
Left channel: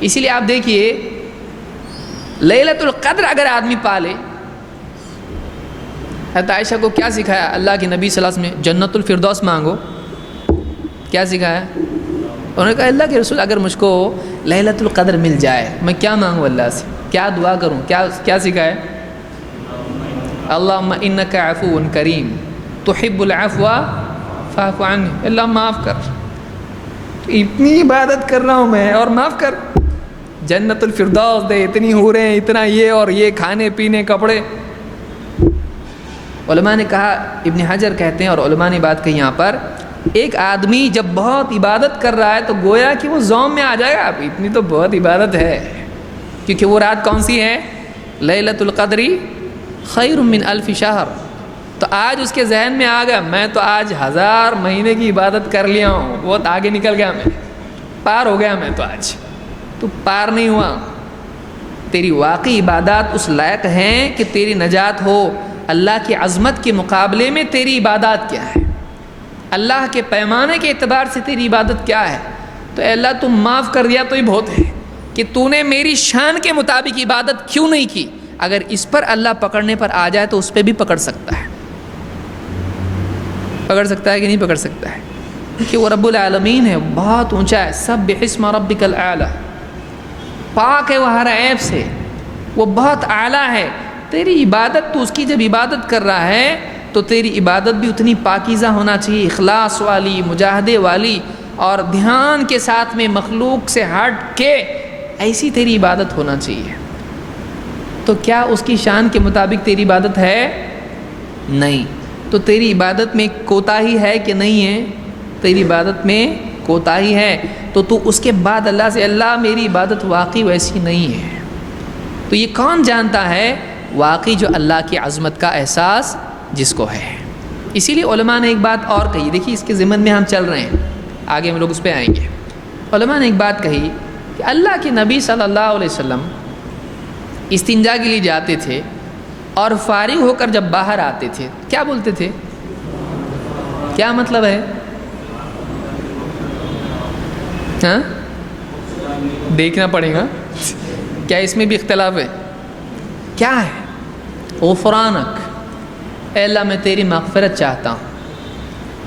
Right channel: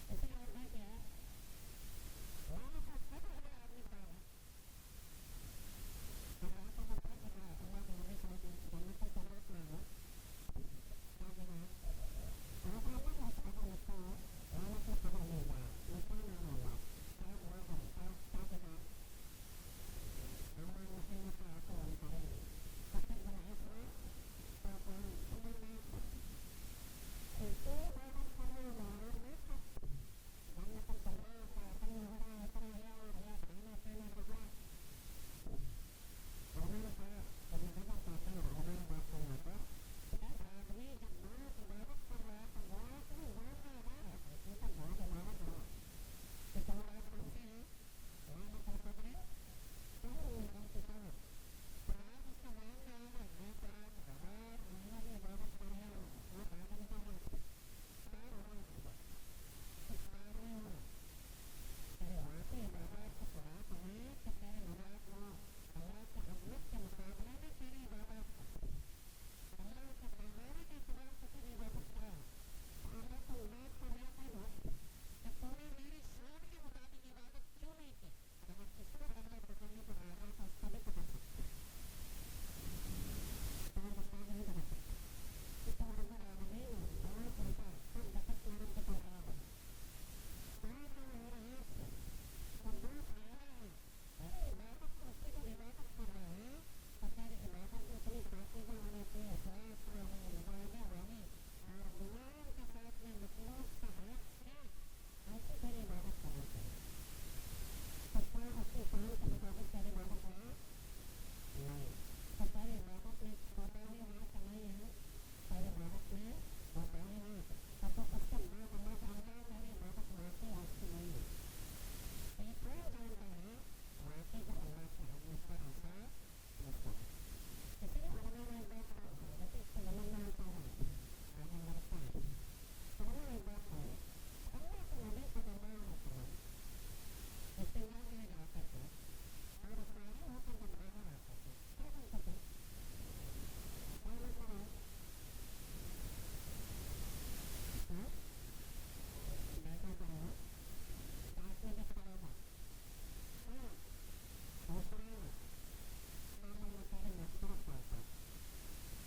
اسی لیے آپ دیکھیے لیلۃ القدر اگر آدمی پالے، حضرت عائشہ کو کیا سکھایا اللہ کے نبی صلی اللہ علیہ وسلم نے؟ جنت الفردوس مانگو۔ کیا سکھایا؟ انہوں نے کہا اللہ کے رسول اگر مجھ کو لیلۃ القدر مل جائے میں کیا مانگوں اللہ سے، کیا دعا کروں؟ کیا سکھایا؟ اللہم انک عفو کریم تحب العفو فاعف عنی، اللہ معاف کر، اتنی عبادت کر رہا ہوں میں اور معاف کر، جنت الفردوس دے، اتنی حوریں، اتنا یہ اور یہ، کھانے پینے کپڑے۔ علماء نے کہا، ابن حجر کہتے ہیں اور علماء نے بات کہی یہاں پر، ایک آدمی جب بہت عبادت کر رہا ہے تو گویا کہ وہ زوم میں آ جائے گا، اب اتنی تو بہت عبادت ہے، کیونکہ وہ رات کون سی ہے؟ لیلۃ القدر خیر من الف شہر۔ تو آج اس کے ذہن میں آ گیا میں تو آج 1000 مہینے کی عبادت کر لیا ہوں، بہت آگے نکل گیا، میں پار ہو گیا، میں تو آج تو پار نہیں ہوا۔ تیری واقعی عبادات اس لائق ہیں کہ تیری نجات ہو، اللہ کی عظمت کے مقابلے میں تیری عبادات کیا ہے، اللہ کے پیمانے کے اعتبار سے تیری عبادت کیا ہے؟ تو اے اللہ تم معاف کر دیا تو ہی بہت ہے، کہ تو نے میری شان کے مطابق عبادت کیوں نہیں کی؟ اگر اس پر اللہ پکڑنے پر آ جائے تو اس پہ بھی پکڑ سکتا ہے، پکڑ سکتا ہے کہ نہیں پکڑ سکتا ہے؟ کہ وہ رب العالمین ہے، بہت اونچا ہے، سبح اسم ربک الاعلی، پاک ہے وہ ہر عیب سے، وہ بہت اعلیٰ ہے۔ تیری عبادت، تو اس کی جب عبادت کر رہا ہے تو تیری عبادت بھی اتنی پاکیزہ ہونا چاہیے، اخلاص والی، مجاہدے والی، اور دھیان کے ساتھ میں مخلوق سے ہٹ کے ایسی تیری عبادت ہونا چاہیے۔ تو کیا اس کی شان کے مطابق تیری عبادت ہے؟ نہیں۔ تو تیری عبادت میں کوتاہی ہے کہ نہیں ہے؟ تیری عبادت میں کوتاہی ہے، تو تو اس کے بعد اللہ سے، اللہ میری عبادت واقعی ویسی نہیں ہے۔ تو یہ کون جانتا ہے؟ واقعی جو اللہ کی عظمت کا احساس جس کو ہے۔ اسی لیے علماء نے ایک بات اور کہی، دیکھیے اس کے ضمن میں ہم چل رہے ہیں، آگے ہم لوگ اس پہ آئیں گے۔ علماء نے ایک بات کہی کہ اللہ کے نبی صلی اللہ علیہ وسلم استنجا کے لیے جاتے تھے اور فارغ ہو کر جب باہر آتے تھے کیا بولتے تھے؟ کیا مطلب ہے؟ ہاں دیکھنا پڑے گا، کیا اس میں بھی اختلاف ہے؟ کیا ہے؟ غفرانک، اے اللہ میں تیری مغفرت چاہتا ہوں۔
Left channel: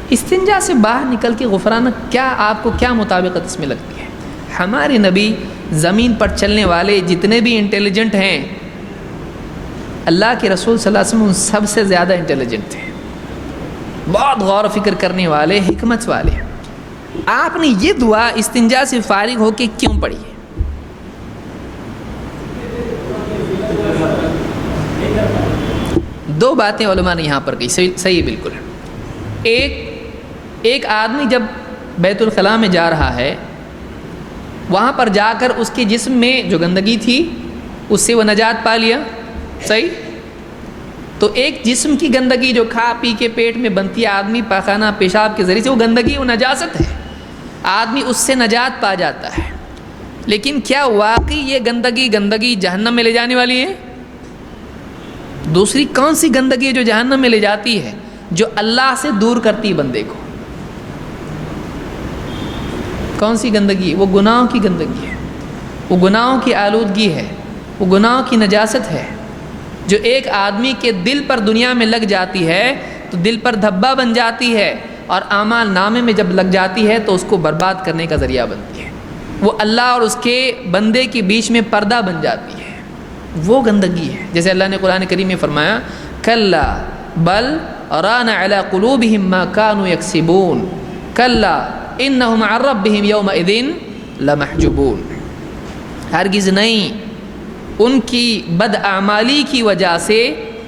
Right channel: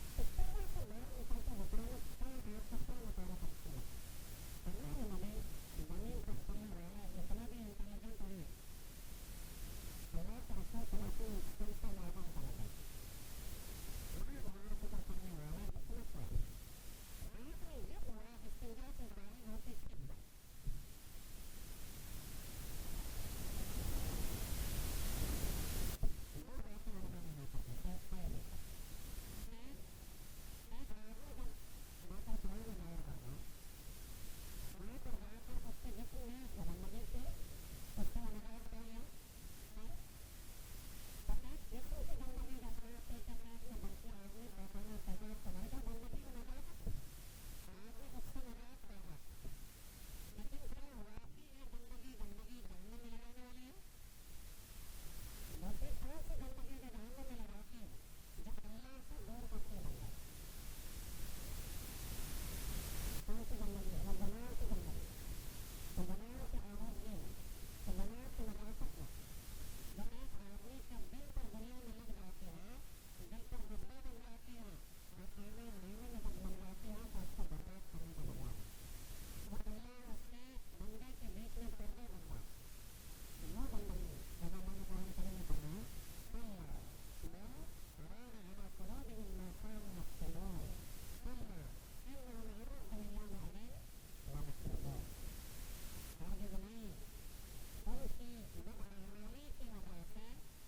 استنجا سے باہر نکل کے غفرانک، کیا آپ کو کیا مطابقت اس میں لگتی ہے؟ ہمارے نبی زمین پر چلنے والے جتنے بھی انٹیلیجنٹ ہیں، اللہ کے رسول صلی اللہ علیہ وسلم ان سب سے زیادہ انٹیلیجنٹ تھے، بہت غور و فکر کرنے والے، حکمت والے۔ آپ نے یہ دعا استنجا سے فارغ ہو کے کیوں پڑھی ہے؟ دو باتیں علماء نے یہاں پر کہی، صحیح بالکل۔ ایک آدمی جب بیت الخلاء میں جا رہا ہے، وہاں پر جا کر اس کے جسم میں جو گندگی تھی اس سے وہ نجات پا لیا، صحیح؟ تو ایک جسم کی گندگی جو کھا پی کے پیٹ میں بنتی ہے، آدمی پاخانہ پیشاب کے ذریعے سے، وہ گندگی، وہ نجاست ہے، آدمی اس سے نجات پا جاتا ہے۔ لیکن کیا واقعی یہ گندگی جہنم میں لے جانے والی ہے؟ دوسری کون سی گندگی ہے جو جہنم میں لے جاتی ہے؟ جو اللہ سے دور کرتی ہے بندے کو۔ کون سی گندگی ہے؟ وہ گناہوں کی گندگی ہے، وہ گناہوں کی آلودگی ہے، وہ گناہوں کی نجاست ہے، جو ایک آدمی کے دل پر دنیا میں لگ جاتی ہے تو دل پر دھبا بن جاتی ہے، اور اعمال نامے میں جب لگ جاتی ہے تو اس کو برباد کرنے کا ذریعہ بنتی ہے۔ وہ اللہ اور اس کے بندے کے بیچ میں پردہ بن جاتی ہے، وہ گندگی ہے۔ جیسے اللہ نے قرآن کریم میں فرمایا، کلا بل ران علی قلوبہم ما کانوا یکسبون کلا انہم عن ربہم یومئذ لمحجوبون۔ ہرگز نہیں، ان کی بد اعمالی کی وجہ سے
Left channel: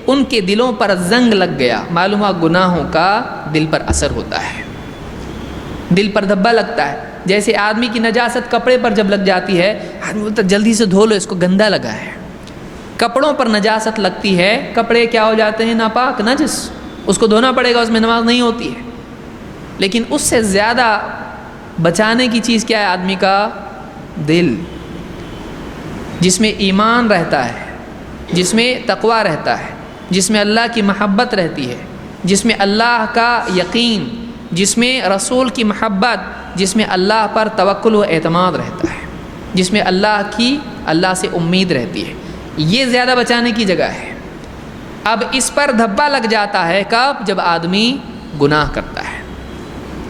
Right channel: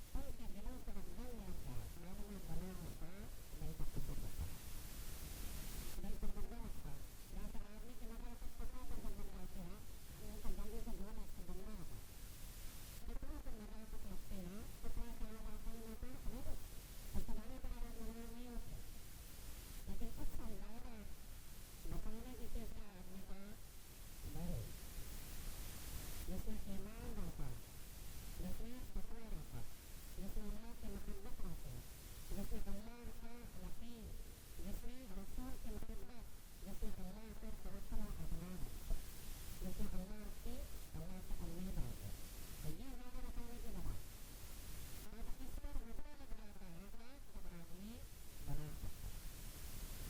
ان کے دلوں پر زنگ لگ گیا۔ معلوم ہوا گناہوں کا دل پر اثر ہوتا ہے، دل پر دھبا لگتا ہے۔ جیسے آدمی کی نجاست کپڑے پر جب لگ جاتی ہے، آدمی بولتا ہے جلدی سے دھو لو، اس کو گندا لگا ہے۔ کپڑوں پر نجاست لگتی ہے، کپڑے کیا ہو جاتے ہیں؟ ناپاک، نجس، اس کو دھونا پڑے گا، اس میں نماز نہیں ہوتی ہے۔ لیکن اس سے زیادہ بچانے کی چیز کیا ہے؟ آدمی کا دل، جس میں ایمان رہتا ہے، جس میں تقویٰ رہتا ہے، جس میں اللہ کی محبت رہتی ہے، جس میں اللہ کا یقین، جس میں رسول کی محبت، جس میں اللہ پر توکل و اعتماد رہتا ہے، جس میں اللہ سے امید رہتی ہے۔ یہ زیادہ بچانے کی جگہ ہے۔ اب اس پر دھبا لگ جاتا ہے کب؟ جب آدمی گناہ کرتا ہے۔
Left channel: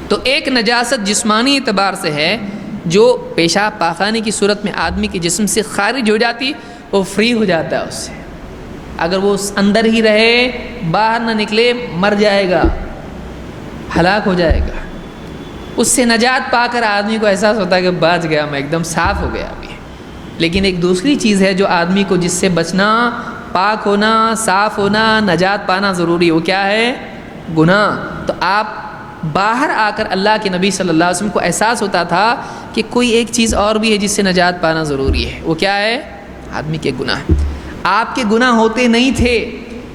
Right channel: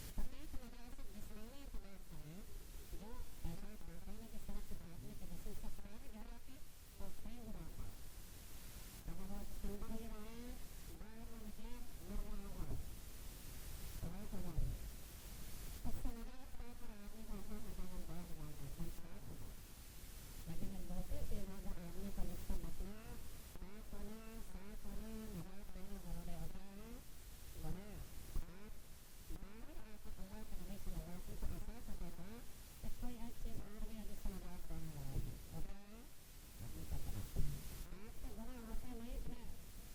تو ایک نجاست جسمانی اعتبار سے ہے، جو پیشاب پاخانے کی صورت میں آدمی کے جسم سے خارج ہو جاتی، وہ فری ہو جاتا ہے اس سے۔ اگر وہ اندر ہی رہے، باہر نہ نکلے، مر جائے گا، ہلاک ہو جائے گا۔ اس سے نجات پا کر آدمی کو احساس ہوتا ہے کہ بچ گیا، میں ایک دم صاف ہو گیا ابھی۔ لیکن ایک دوسری چیز ہے جو آدمی کو جس سے بچنا، پاک ہونا، صاف ہونا، نجات پانا ضروری ہے، وہ کیا ہے؟ گناہ۔ تو آپ باہر آ کر اللہ کے نبی صلی اللہ علیہ وسلم کو احساس ہوتا تھا کہ کوئی ایک چیز اور بھی ہے جس سے نجات پانا ضروری ہے، وہ کیا ہے؟ آدمی کے گناہ۔ آپ کے گناہ ہوتے نہیں تھے،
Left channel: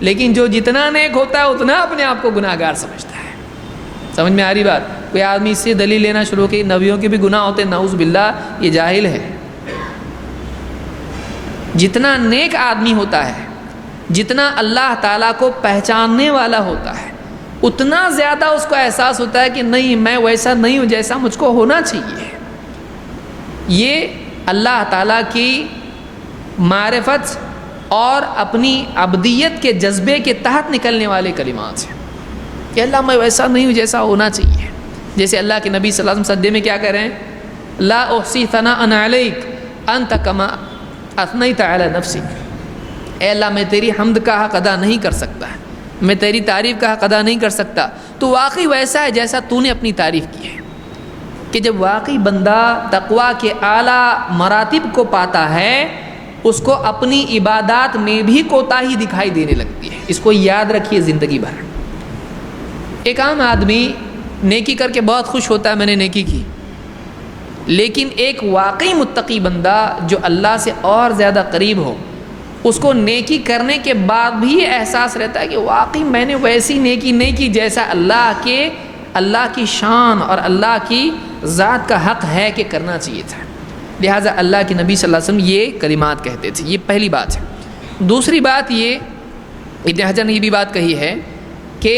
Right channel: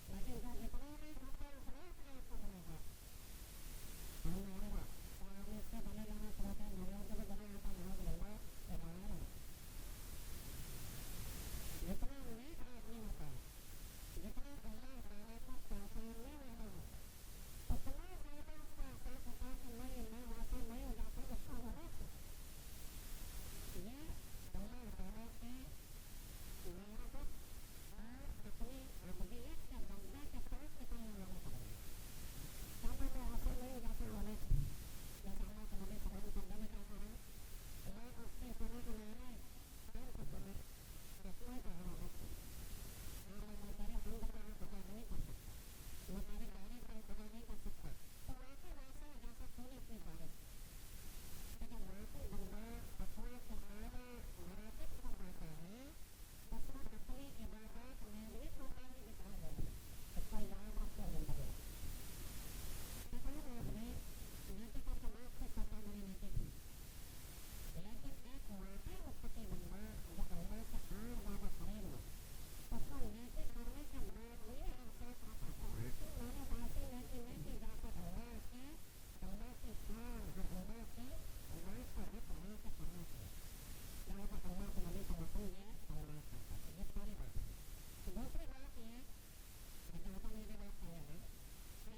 لیکن جو جتنا نیک ہوتا ہے اتنا اپنے آپ کو گناہ گار سمجھتا ہے۔ سمجھ میں آ رہی بات؟ کوئی آدمی اس سے دلیل لینا شروع کہ نبیوں کے بھی گناہ ہوتے، نعوذ باللہ، یہ جاہل ہے۔ جتنا نیک آدمی ہوتا ہے، جتنا اللہ تعالیٰ کو پہچاننے والا ہوتا ہے، اتنا زیادہ اس کو احساس ہوتا ہے کہ نہیں، میں ویسا نہیں ہوں جیسا مجھ کو ہونا چاہیے۔ یہ اللہ تعالیٰ کی معرفت اور اپنی عبدیت کے جذبے کے تحت نکلنے والے کلمات ہیں کہ اللہ میں ویسا نہیں ہوں جیسا ہونا چاہیے۔ جیسے اللہ کے نبی صلی اللہ علیہ وسلم سجدے میں کیا کہہ رہے ہیں؟ لا احصی ثناء علیک انت کما اثنیت علی نفسک، اے اللہ میں تیری حمد کا حق ادا نہیں کر سکتا، میں تیری تعریف کا حق ادا نہیں کر سکتا۔ تو واقعی ویسا ہے جیسا تو نے اپنی تعریف کی ہے، کہ جب واقعی بندہ تقویٰ کے اعلیٰ مراتب کو پاتا ہے، اس کو اپنی عبادات میں بھی کوتاہی دکھائی دینے لگتی ہے۔ اس کو یاد رکھیے زندگی بھر۔ ایک عام آدمی نیکی کر کے بہت خوش ہوتا ہے، میں نے نیکی کی، لیکن ایک واقعی متقی بندہ جو اللہ سے اور زیادہ قریب ہو، اس کو نیکی کرنے کے بعد بھی احساس رہتا ہے کہ واقعی میں نے ویسی نیکی نہیں کی جیسا اللہ کی شان اور اللہ کی ذات کا حق ہے کہ کرنا چاہیے تھا۔ لہٰذا اللہ کے نبی صلی اللہ علیہ وسلم یہ کلمات کہتے تھے۔ یہ پہلی بات ہے۔ دوسری بات یہ، ابن حجر نے یہ بھی بات کہی ہے کہ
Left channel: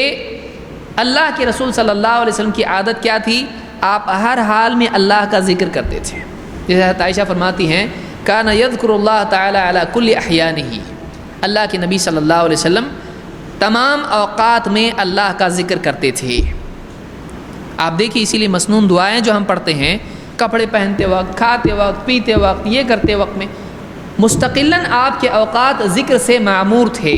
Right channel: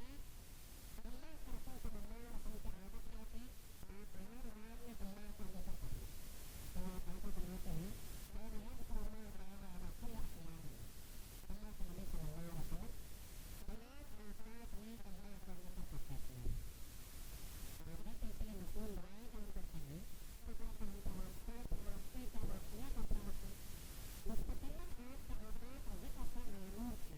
اللہ کے رسول صلی اللہ علیہ وسلم کی عادت کیا تھی؟ آپ ہر حال میں اللہ کا ذکر کرتے تھے۔ جیسے حضرت عائشہ فرماتی ہیں کان یذکر اللہ تعالی علی کل احیانہ، اللہ کے نبی صلی اللہ علیہ وسلم تمام اوقات میں اللہ کا ذکر کرتے تھے۔ آپ دیکھیے اسی لیے مسنون دعائیں جو ہم پڑھتے ہیں، کپڑے پہنتے وقت، کھاتے وقت، پیتے وقت، یہ کرتے وقت میں مستقلاً آپ کے اوقات ذکر سے معمور تھے،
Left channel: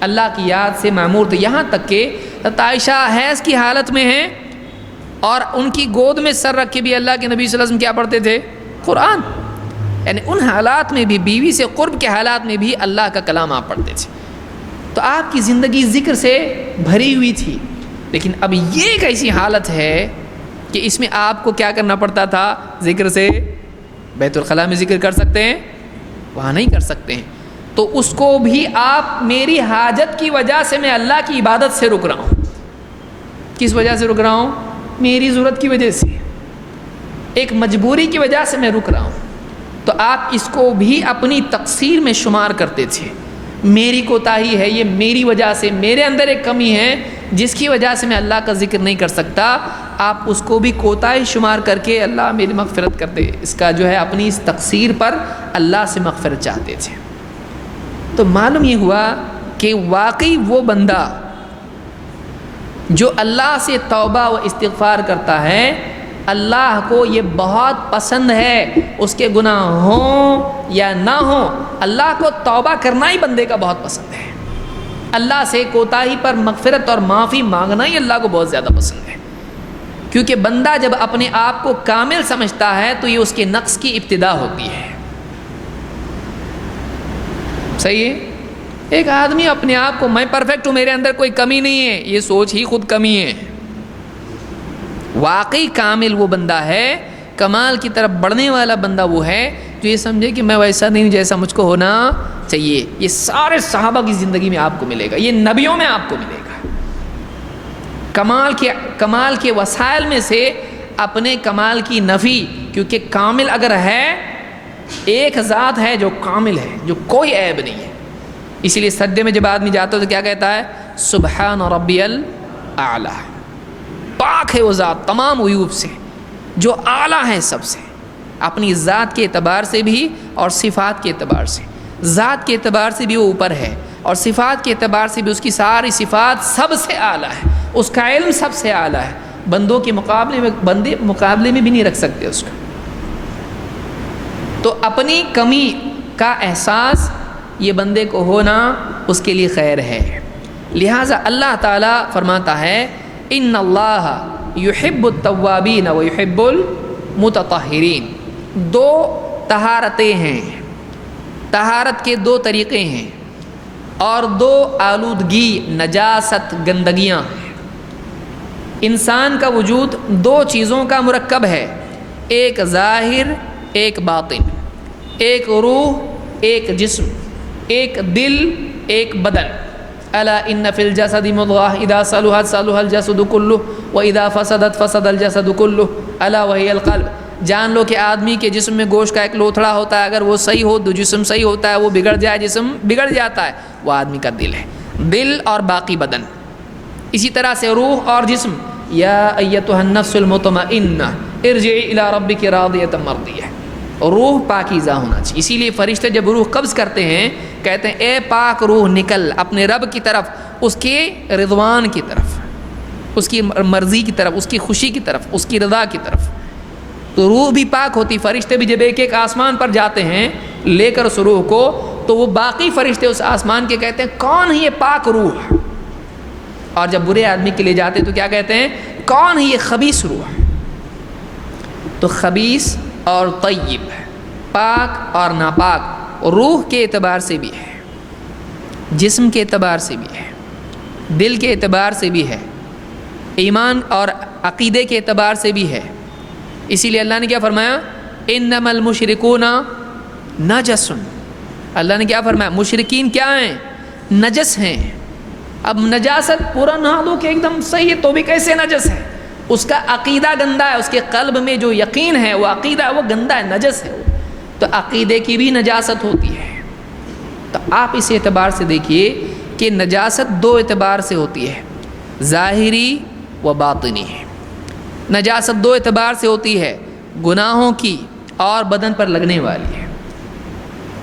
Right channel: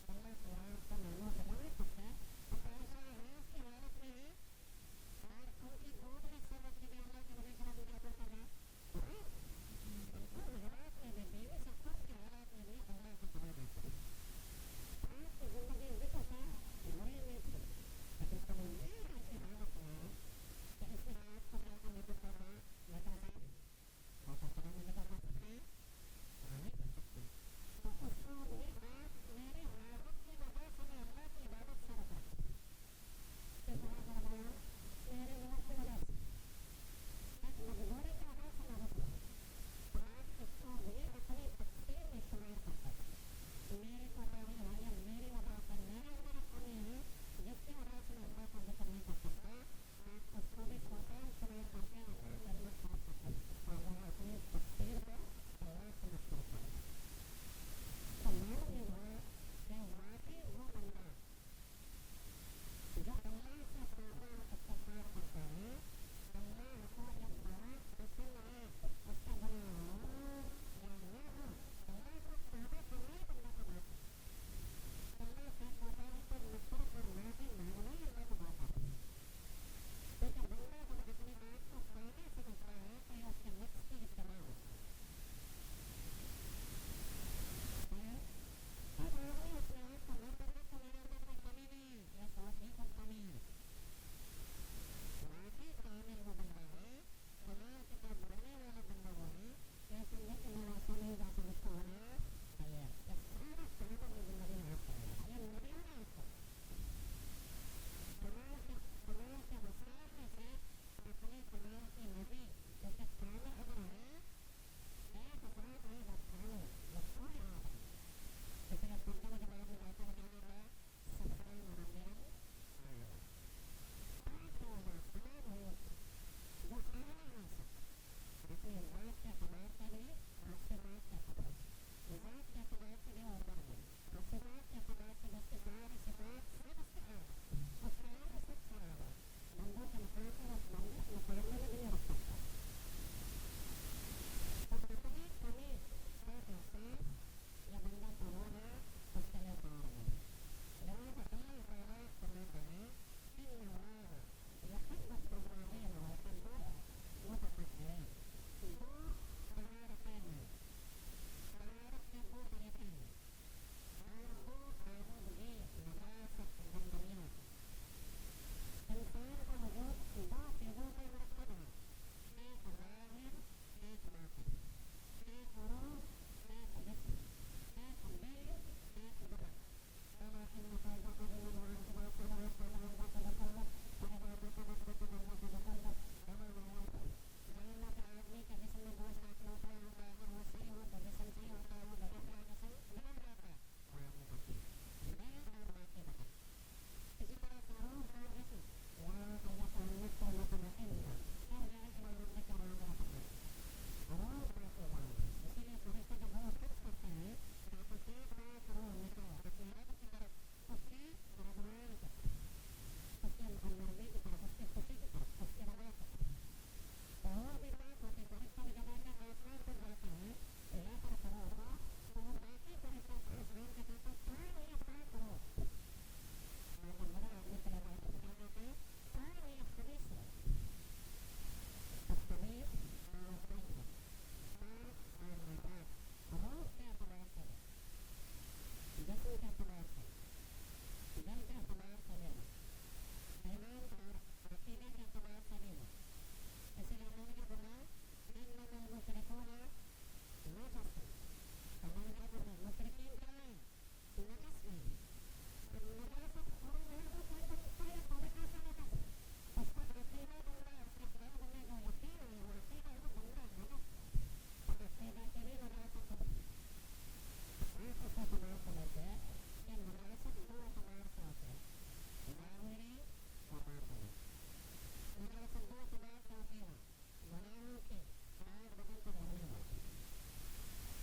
اللہ کی یاد سے معمور تھے۔ یہاں تک کہ حضرت عائشہ حیض کی حالت میں ہیں اور ان کی گود میں سر رکھ کے بھی اللہ کے نبی صلی اللہ علیہ وسلم کیا پڑھتے تھے؟ قرآن۔ یعنی ان حالات میں بھی، بیوی سے قرب کے حالات میں بھی اللہ کا کلام آپ پڑھتے تھے۔ تو آپ کی زندگی ذکر سے بھری ہوئی تھی۔ لیکن اب یہ ایک ایسی حالت ہے کہ اس میں آپ کو کیا کرنا پڑتا تھا؟ ذکر سے بیت الخلاء میں ذکر کر سکتے ہیں، وہاں نہیں کر سکتے ہیں۔ تو اس کو بھی آپ میری حاجت کی وجہ سے میں اللہ کی عبادت سے رک رہا ہوں۔ کس وجہ سے رک رہا ہوں؟ میری ضرورت کی وجہ سے، ایک مجبوری کی وجہ سے میں رک رہا ہوں۔ تو آپ اس کو بھی اپنی تقصیر میں شمار کرتے تھے، میری کوتاہی ہے، یہ میری وجہ سے، میرے اندر ایک کمی ہے جس کی وجہ سے میں اللہ کا ذکر نہیں کر سکتا۔ آپ اس کو بھی کوتاہی شمار کر کے اللہ میری مغفرت کر دے، اس کا جو ہے اپنی اس تقصیر پر اللہ سے مغفرت چاہتے تھے۔ تو معلوم یہ ہوا کہ واقعی وہ بندہ جو اللہ سے توبہ و استغفار کرتا ہے، اللہ کو یہ بہت پسند ہے، اس کے گناہ ہوں یا نہ ہوں، اللہ کو توبہ کرنا ہی بندے کا بہت پسند ہے۔ اللہ سے کوتاہی پر مغفرت اور معافی مانگنا ہی اللہ کو بہت زیادہ پسند ہے، کیونکہ بندہ جب اپنے آپ کو کامل سمجھتا ہے تو یہ اس کے نقص کی ابتدا ہوتی ہے۔ صحیح ہے؟ ایک آدمی اپنے آپ کو میں پرفیکٹ ہوں، میرے اندر کوئی کمی نہیں ہے، یہ سوچ ہی خود کمی ہے۔ واقعی کامل وہ بندہ ہے، کمال کی طرف بڑھنے والا بندہ وہ ہے جو یہ سمجھے کہ میں ویسا نہیں جیسا مجھ کو ہونا چاہیے۔ یہ سارے صحابہ کی زندگی میں آپ کو ملے گا، یہ نبیوں میں آپ کو ملے گا۔ کمال کے وسائل میں سے اپنے کمال کی نفی، کیونکہ کامل اگر ہے، ایک ذات ہے جو کامل ہے، جو کوئی عیب نہیں ہے۔ اسی لیے سجدے میں جب آدمی جاتا ہے تو کیا کہتا ہے؟ سبحان ربی الاعلی، پاک ہے وہ ذات تمام عیوب سے، جو اعلیٰ ہے سب سے، اپنی ذات کے اعتبار سے بھی اور صفات کے اعتبار سے۔ ذات کے اعتبار سے بھی وہ اوپر ہے، اور صفات کے اعتبار سے بھی اس کی ساری صفات سب سے اعلیٰ ہے، اس کا علم سب سے اعلیٰ ہے۔ بندوں کے مقابلے میں، بندے مقابلے میں بھی نہیں رکھ سکتے اس کو۔ تو اپنی کمی کا احساس یہ بندے کو ہونا اس کے لیے خیر ہے۔ لہٰذا اللہ تعالیٰ فرماتا ہے ان اللہ یحب التوابین و یحب المتطہرین۔ دو طہارتیں ہیں، طہارت کے دو طریقے ہیں، اور دو آلودگی، نجاست، گندگیاں ہیں۔ انسان کا وجود دو چیزوں کا مرکب ہے، ایک ظاہر، ایک باطن، ایک روح، ایک جسم، ایک دل، ایک بدن۔ الا ان فی الجسد مضغۃ اذا صلحت صلح الجسد كله واذا فسدت فسد الجسد كله الا وهي القلب۔ جان لو کہ آدمی کے جسم میں گوشت کا ایک لوتھڑا ہوتا ہے، اگر وہ صحیح ہو تو جسم صحیح ہوتا ہے، وہ بگڑ جائے جسم بگڑ جاتا ہے، وہ آدمی کا دل ہے، دل اور باقی بدن۔ اسی طرح سے روح اور جسم، یا ایتها النفس المطمئنہ ارجعی الی ربک راضیۃ مرضیہ، روح پاکیزہ ہونا چاہیے۔ اسی لیے فرشتے جب روح قبض کرتے ہیں کہتے ہیں اے پاک روح نکل اپنے رب کی طرف، اس کے رضوان کی طرف۔ اس کی مرضی کی طرف، اس کی خوشی کی طرف، اس کی رضا کی طرف. تو روح بھی پاک ہوتی. فرشتے بھی جب ایک ایک آسمان پر جاتے ہیں لے کر اس روح کو، تو وہ باقی فرشتے اس آسمان کے کہتے ہیں کون ہے یہ پاک روح. اور جب برے آدمی کے لیے جاتے تو کیا کہتے ہیں؟ کون ہے یہ خبیث روح. تو خبیث اور طیب، پاک اور ناپاک، روح کے اعتبار سے بھی ہے، جسم کے اعتبار سے بھی ہے، دل کے اعتبار سے بھی ہے، ایمان اور عقیدے کے اعتبار سے بھی ہے. اسی لیے اللہ نے کیا فرمایا؟ انما المشرکون نجس. اللہ نے کیا فرمایا؟ مشرکین کیا ہیں؟ نجس ہیں. اب نجاست پورا نہ لو کہ ایک دم صحیح ہے تو بھی کیسے نجس ہے؟ اس کا عقیدہ گندا ہے، اس کے قلب میں جو یقین ہے وہ عقیدہ ہے وہ گندا ہے، نجس ہے. تو عقیدے کی بھی نجاست ہوتی ہے. تو آپ اس اعتبار سے دیکھیے کہ نجاست دو اعتبار سے ہوتی ہے، ظاہری و باطنی. نجاست دو اعتبار سے ہوتی ہے، گناہوں کی اور بدن پر لگنے والی ہے.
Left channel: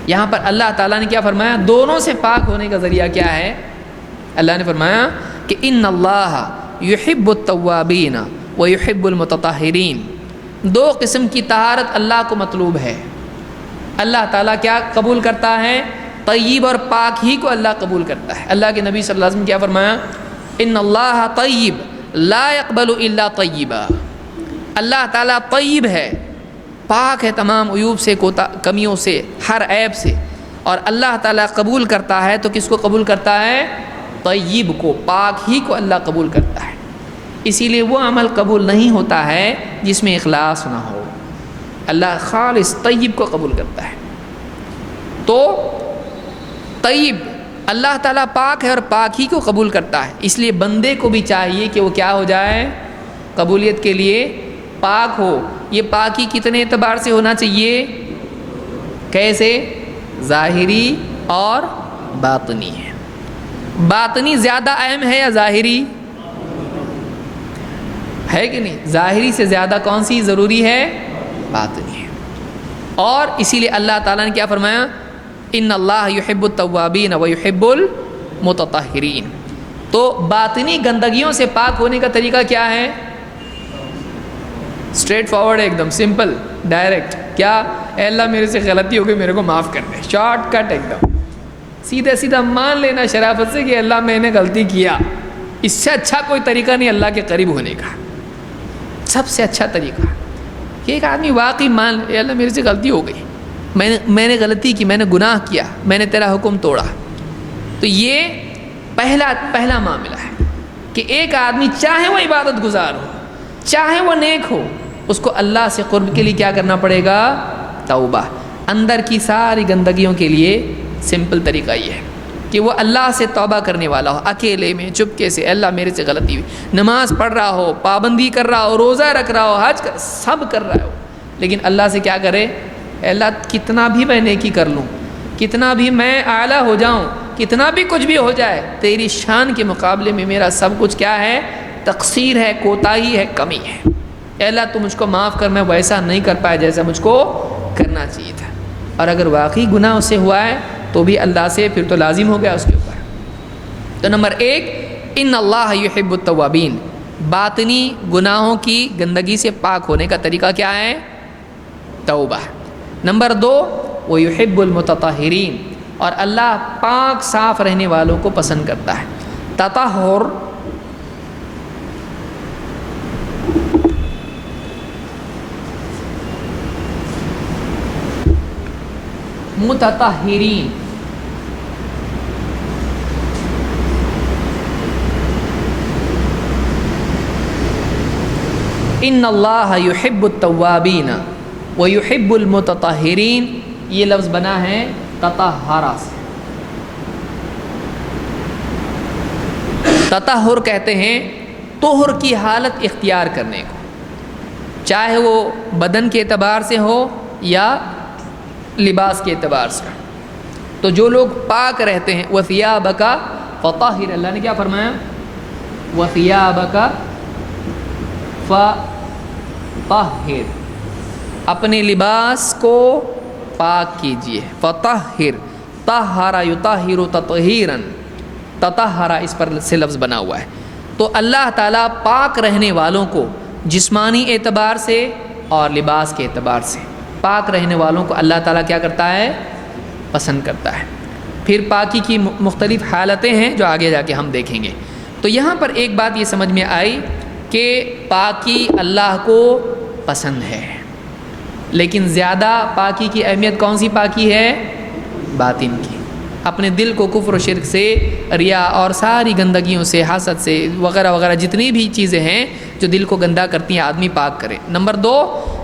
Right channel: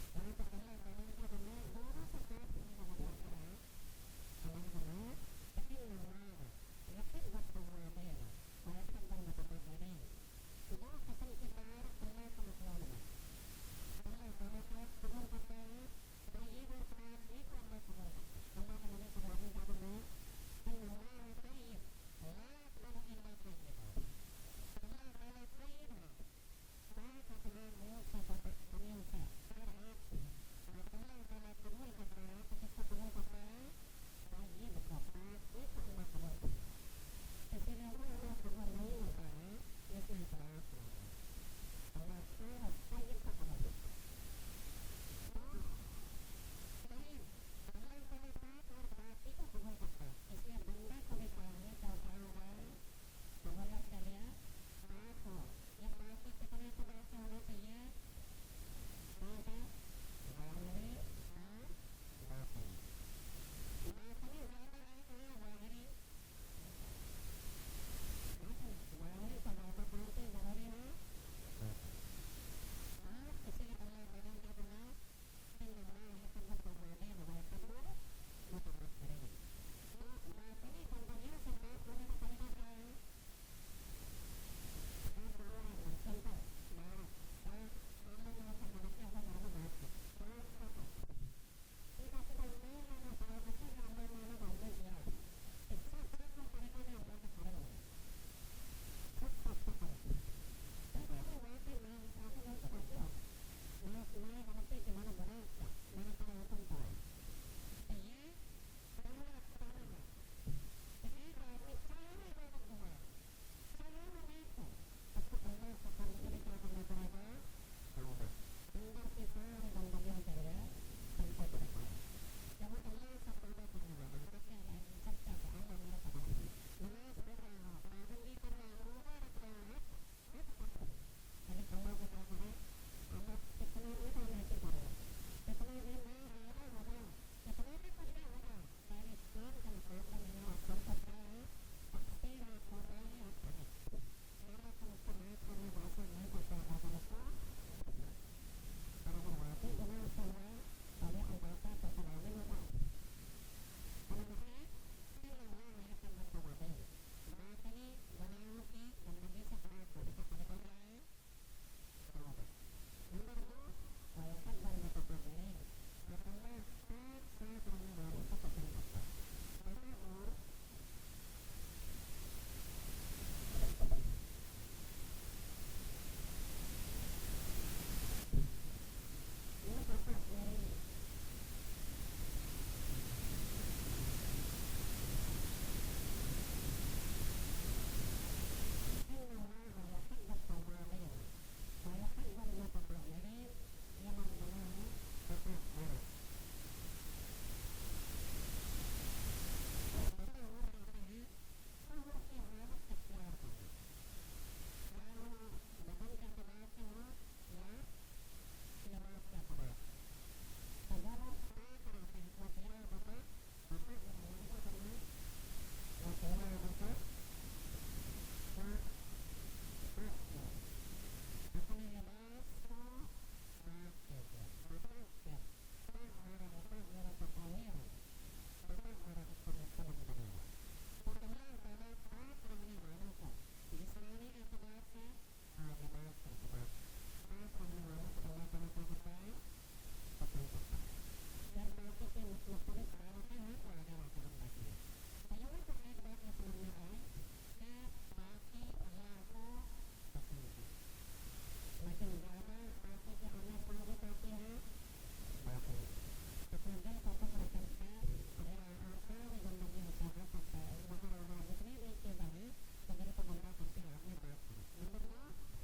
یہاں پر اللہ تعالیٰ نے کیا فرمایا؟ دونوں سے پاک ہونے کا ذریعہ کیا ہے؟ اللہ نے فرمایا کہ ان اللہ یحب التوابین و یحب المتطہرین. دو قسم کی طہارت اللہ کو مطلوب ہے. اللہ تعالیٰ کیا قبول کرتا ہے؟ طیب اور پاک ہی کو اللہ قبول کرتا ہے. اللہ کے نبی صلی اللہ علیہ وسلم کیا فرمایا؟ ان اللہ طیب لا يقبل الا طیبا. اللہ تعالیٰ طیب ہے، پاک ہے تمام عیوب سے، کمیوں سے، ہر عیب سے. اور اللہ تعالیٰ قبول کرتا ہے تو کس کو قبول کرتا ہے؟ طیب کو، پاک ہی کو اللہ قبول کرتا ہے. اسی لیے وہ عمل قبول نہیں ہوتا ہے جس میں اخلاص نہ ہو. اللہ خالص طیب کو قبول کرتا ہے. تو طیب، اللہ تعالیٰ پاک ہے اور پاک ہی کو قبول کرتا ہے. اس لیے بندے کو بھی چاہیے کہ وہ کیا ہو جائے؟ قبولیت کے لیے پاک ہو. یہ پاکی کتنے اعتبار سے ہونا چاہیے؟ کیسے؟ ظاہری اور باطنی ہے. باطنی زیادہ اہم ہے یا ظاہری؟ ہے کہ نہیں؟ ظاہری سے زیادہ کون سی ضروری ہے؟ باطنی ہے. اور اسی لیے اللہ تعالیٰ نے کیا فرمایا؟ ان اللہ یحب التوابین و یحب المتطہرین. تو باطنی گندگیوں سے پاک ہونے کا طریقہ کیا ہے؟ اسٹریٹ فارورڈ، ایک دم سمپل، ڈائریکٹ. کیا؟ اے اللہ میرے سے غلطی ہو گئی، میرے کو معاف کر دے. شارٹ کٹ، ایک دم سیدھا سیدھا مان لینا شرافت سے کہ اللہ میں نے غلطی کیا. اس سے اچھا کوئی طریقہ نہیں اللہ کے قریب ہونے کا. سب سے اچھا طریقہ کہ ایک آدمی واقعی مان لے، اے اللہ میرے سے غلطی ہو گئی، میں نے غلطی کی، میں نے گناہ کیا، میں نے تیرا حکم توڑا. تو یہ پہلا معاملہ ہے کہ ایک آدمی چاہے وہ عبادت گزار ہو، چاہے وہ نیک ہو، اس کو اللہ سے قرب کے لیے کیا کرنا پڑے گا؟ توبہ. اندر کی ساری گندگیوں کے لیے سمپل طریقہ یہ ہے کہ وہ اللہ سے توبہ کرنے والا ہو، اکیلے میں چپکے سے. اللہ میرے سے غلطی ہوئی. نماز پڑھ رہا ہو، پابندی کر رہا ہو، روزہ رکھ رہا ہو، حج سب کر رہا ہو، لیکن اللہ سے کیا کرے؟ اللہ کتنا بھی میں نیکی کر لوں، کتنا بھی میں اعلیٰ ہو جاؤں، کتنا بھی کچھ بھی ہو جائے، تیری شان کے مقابلے میں میرا سب کچھ کیا ہے؟ تقصیر ہے، کوتاہی ہے، کمی ہے. اے اللہ تو مجھ کو معاف کر، میں ویسا نہیں کر پایا جیسا مجھ کو کرنا چاہیے تھا. اور اگر واقعی گناہ اس سے ہوا ہے تو بھی اللہ سے پھر تو لازم ہو گیا اس کے اوپر. تو نمبر 1، ان اللہ یحب التوابین. باطنی گناہوں کی گندگی سے پاک ہونے کا طریقہ کیا ہے؟ توبہ. نمبر 2، وہ یحب المتطہرین. اور اللہ پاک صاف رہنے والوں کو پسند کرتا ہے. تطہر متطہرین. ان اللہ یحب التوابین ویحب المتطہرین. یہ لفظ بنا ہے تطہرا سے. تطہر کہتے ہیں طہر کی حالت اختیار کرنے کو، چاہے وہ بدن کے اعتبار سے ہو یا لباس کے اعتبار سے. تو جو لوگ پاک رہتے ہیں، وَثِيَابَكَ فَطَهِّرْ. اللہ نے کیا فرمایا؟ وَثِيَابَكَ فَطَهِّرْ. اپنے لباس کو پاک کیجئے. فَطَهِّرْ طَهَّرَ يُطَهِّرُ تَطْهِيرًا. تطہرا اس پر سے لفظ بنا ہوا ہے. تو اللہ تعالیٰ پاک رہنے والوں کو جسمانی اعتبار سے اور لباس کے اعتبار سے، پاک رہنے والوں کو اللہ تعالیٰ کیا کرتا ہے؟ پسند کرتا ہے۔ پھر پاکی کی مختلف حالتیں ہیں جو آگے جا کے ہم دیکھیں گے۔ تو یہاں پر ایک بات یہ سمجھ میں آئی کہ پاکی اللہ کو پسند ہے، لیکن زیادہ پاکی کی اہمیت کون سی پاکی ہے؟ باطن کی۔ اپنے دل کو کفر و شرک سے، ریا اور ساری گندگیوں سے، حسد سے وغیرہ وغیرہ جتنی بھی چیزیں ہیں جو دل کو گندا کرتی ہیں آدمی پاک کرے۔ نمبر 2،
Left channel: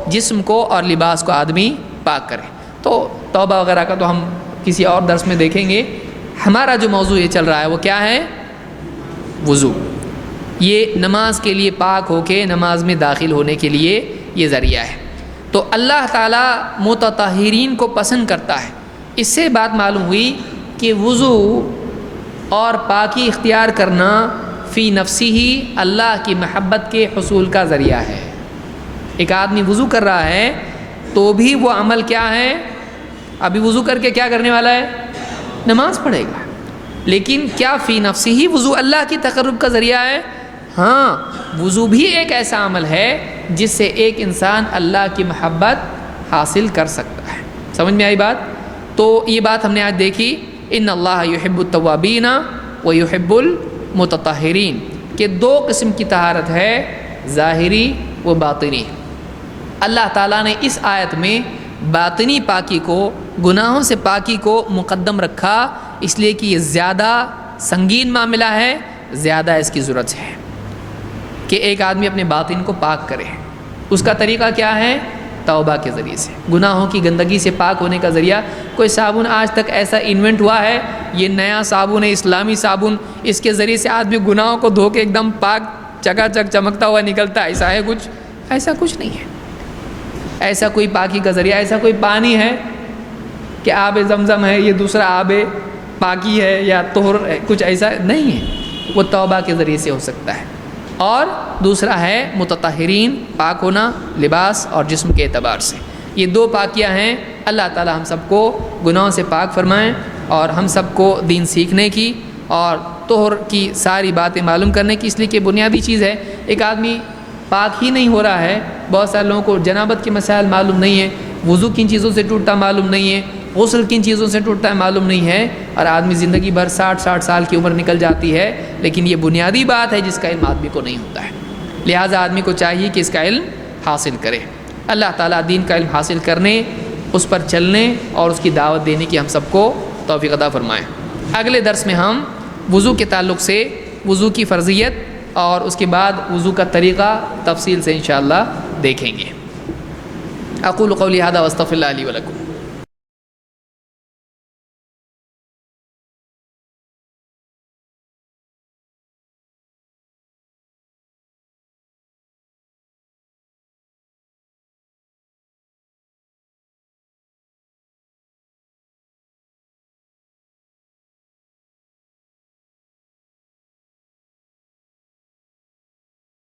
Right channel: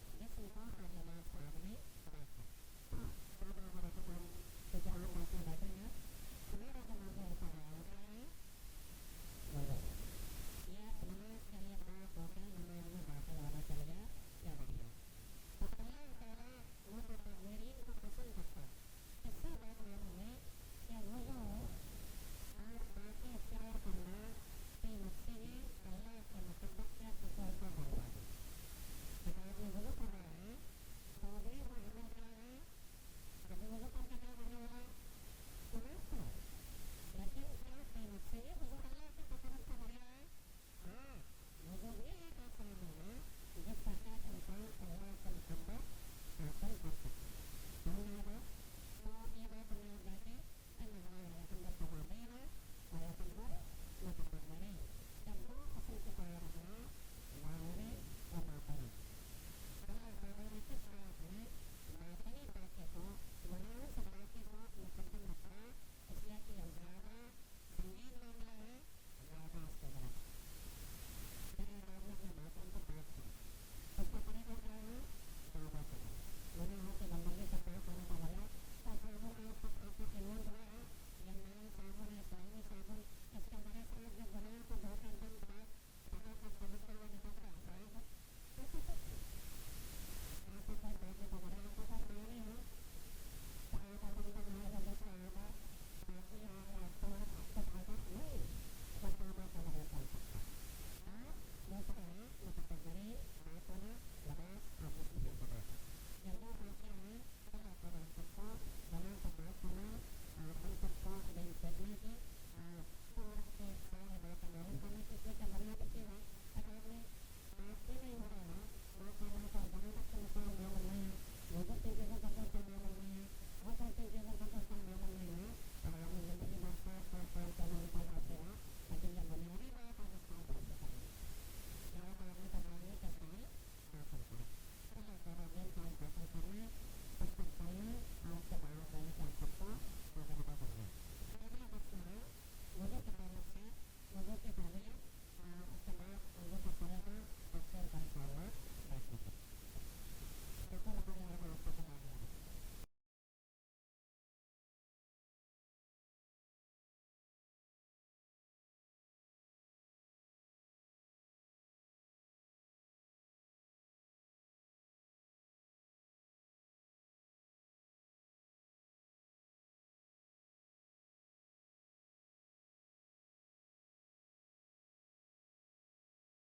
جسم کو اور لباس کو آدمی پاک کرے۔ تو توبہ وغیرہ کا تو ہم کسی اور درس میں دیکھیں گے۔ ہمارا جو موضوع یہ چل رہا ہے وہ کیا ہے؟ وضو۔ یہ نماز کے لیے پاک ہو کے نماز میں داخل ہونے کے لیے یہ ذریعہ ہے۔ تو اللہ تعالیٰ متطہرین کو پسند کرتا ہے۔ اس سے بات معلوم ہوئی کہ وضو اور پاکی اختیار کرنا فی نفسی ہی اللہ کی محبت کے حصول کا ذریعہ ہے۔ ایک آدمی وضو کر رہا ہے تو بھی وہ عمل کیا ہے؟ ابھی وضو کر کے کیا کرنے والا ہے؟ نماز پڑھے گا، لیکن کیا فی نفسی ہی وضو اللہ کی تقرب کا ذریعہ ہے؟ ہاں، وضو بھی ایک ایسا عمل ہے جس سے ایک انسان اللہ کی محبت حاصل کر سکتا ہے۔ سمجھ میں آئی بات؟ تو یہ بات ہم نے آج دیکھی، ان اللہ یحب التوابین و یحب المتطہرین، کہ 2 قسم کی طہارت ہے، ظاہری و باطنی۔ اللہ تعالیٰ نے اس آیت میں باطنی پاکی کو، گناہوں سے پاکی کو مقدم رکھا، اس لیے کہ یہ زیادہ سنگین معاملہ ہے، زیادہ اس کی ضرورت ہے کہ ایک آدمی اپنے باطن کو پاک کرے۔ اس کا طریقہ کیا ہے؟ توبہ کے ذریعے سے، گناہوں کی گندگی سے پاک ہونے کا ذریعہ۔ کوئی صابن آج تک ایسا انوینٹ ہوا ہے، یہ نیا صابن ہے، اسلامی صابن، اس کے ذریعے سے آدمی گناہوں کو دھو کے ایک دم پاک چکا چک چمکتا ہوا نکلتا ہے؟ ایسا ہے کچھ؟ ایسا کچھ نہیں ہے۔ ایسا کوئی پاکی کا ذریعہ، ایسا کوئی پانی ہے کہ آب زمزم ہے، یہ دوسرا آب پاکی ہے یا طہر ہے، کچھ ایسا نہیں ہے۔ وہ توبہ کے ذریعے سے ہو سکتا ہے۔ اور دوسرا ہے متطہرین، پاک ہونا لباس اور جسم کے اعتبار سے۔ یہ 2 پاکیاں ہیں۔ اللہ تعالی ہم سب کو گناہوں سے پاک فرمائیں اور ہم سب کو دین سیکھنے کی اور طہر کی ساری باتیں معلوم کرنے کی، اس لیے کہ بنیادی چیز ہے۔ ایک آدمی پاک ہی نہیں ہو رہا ہے، بہت سارے لوگوں کو جنابت کے مسائل معلوم نہیں ہے، وضو کن چیزوں سے ٹوٹتا معلوم نہیں ہے، غسل کن چیزوں سے ٹوٹتا ہے معلوم نہیں ہے، اور آدمی زندگی بھر 60 سال کی عمر نکل جاتی ہے، لیکن یہ بنیادی بات ہے جس کا علم آدمی کو نہیں ہوتا ہے۔ لہٰذا آدمی کو چاہیے کہ اس کا علم حاصل کرے۔ اللہ تعالیٰ دین کا علم حاصل کرنے، اس پر چلنے اور اس کی دعوت دینے کی ہم سب کو توفیق عطا فرمائے۔ اگلے درس میں ہم وضو کے تعلق سے وضو کی فرضیت اور اس کے بعد وضو کا طریقہ تفصیل سے انشاءاللہ دیکھیں گے۔ اقول قولی ھذا واستغفر اللہ لی ولکم۔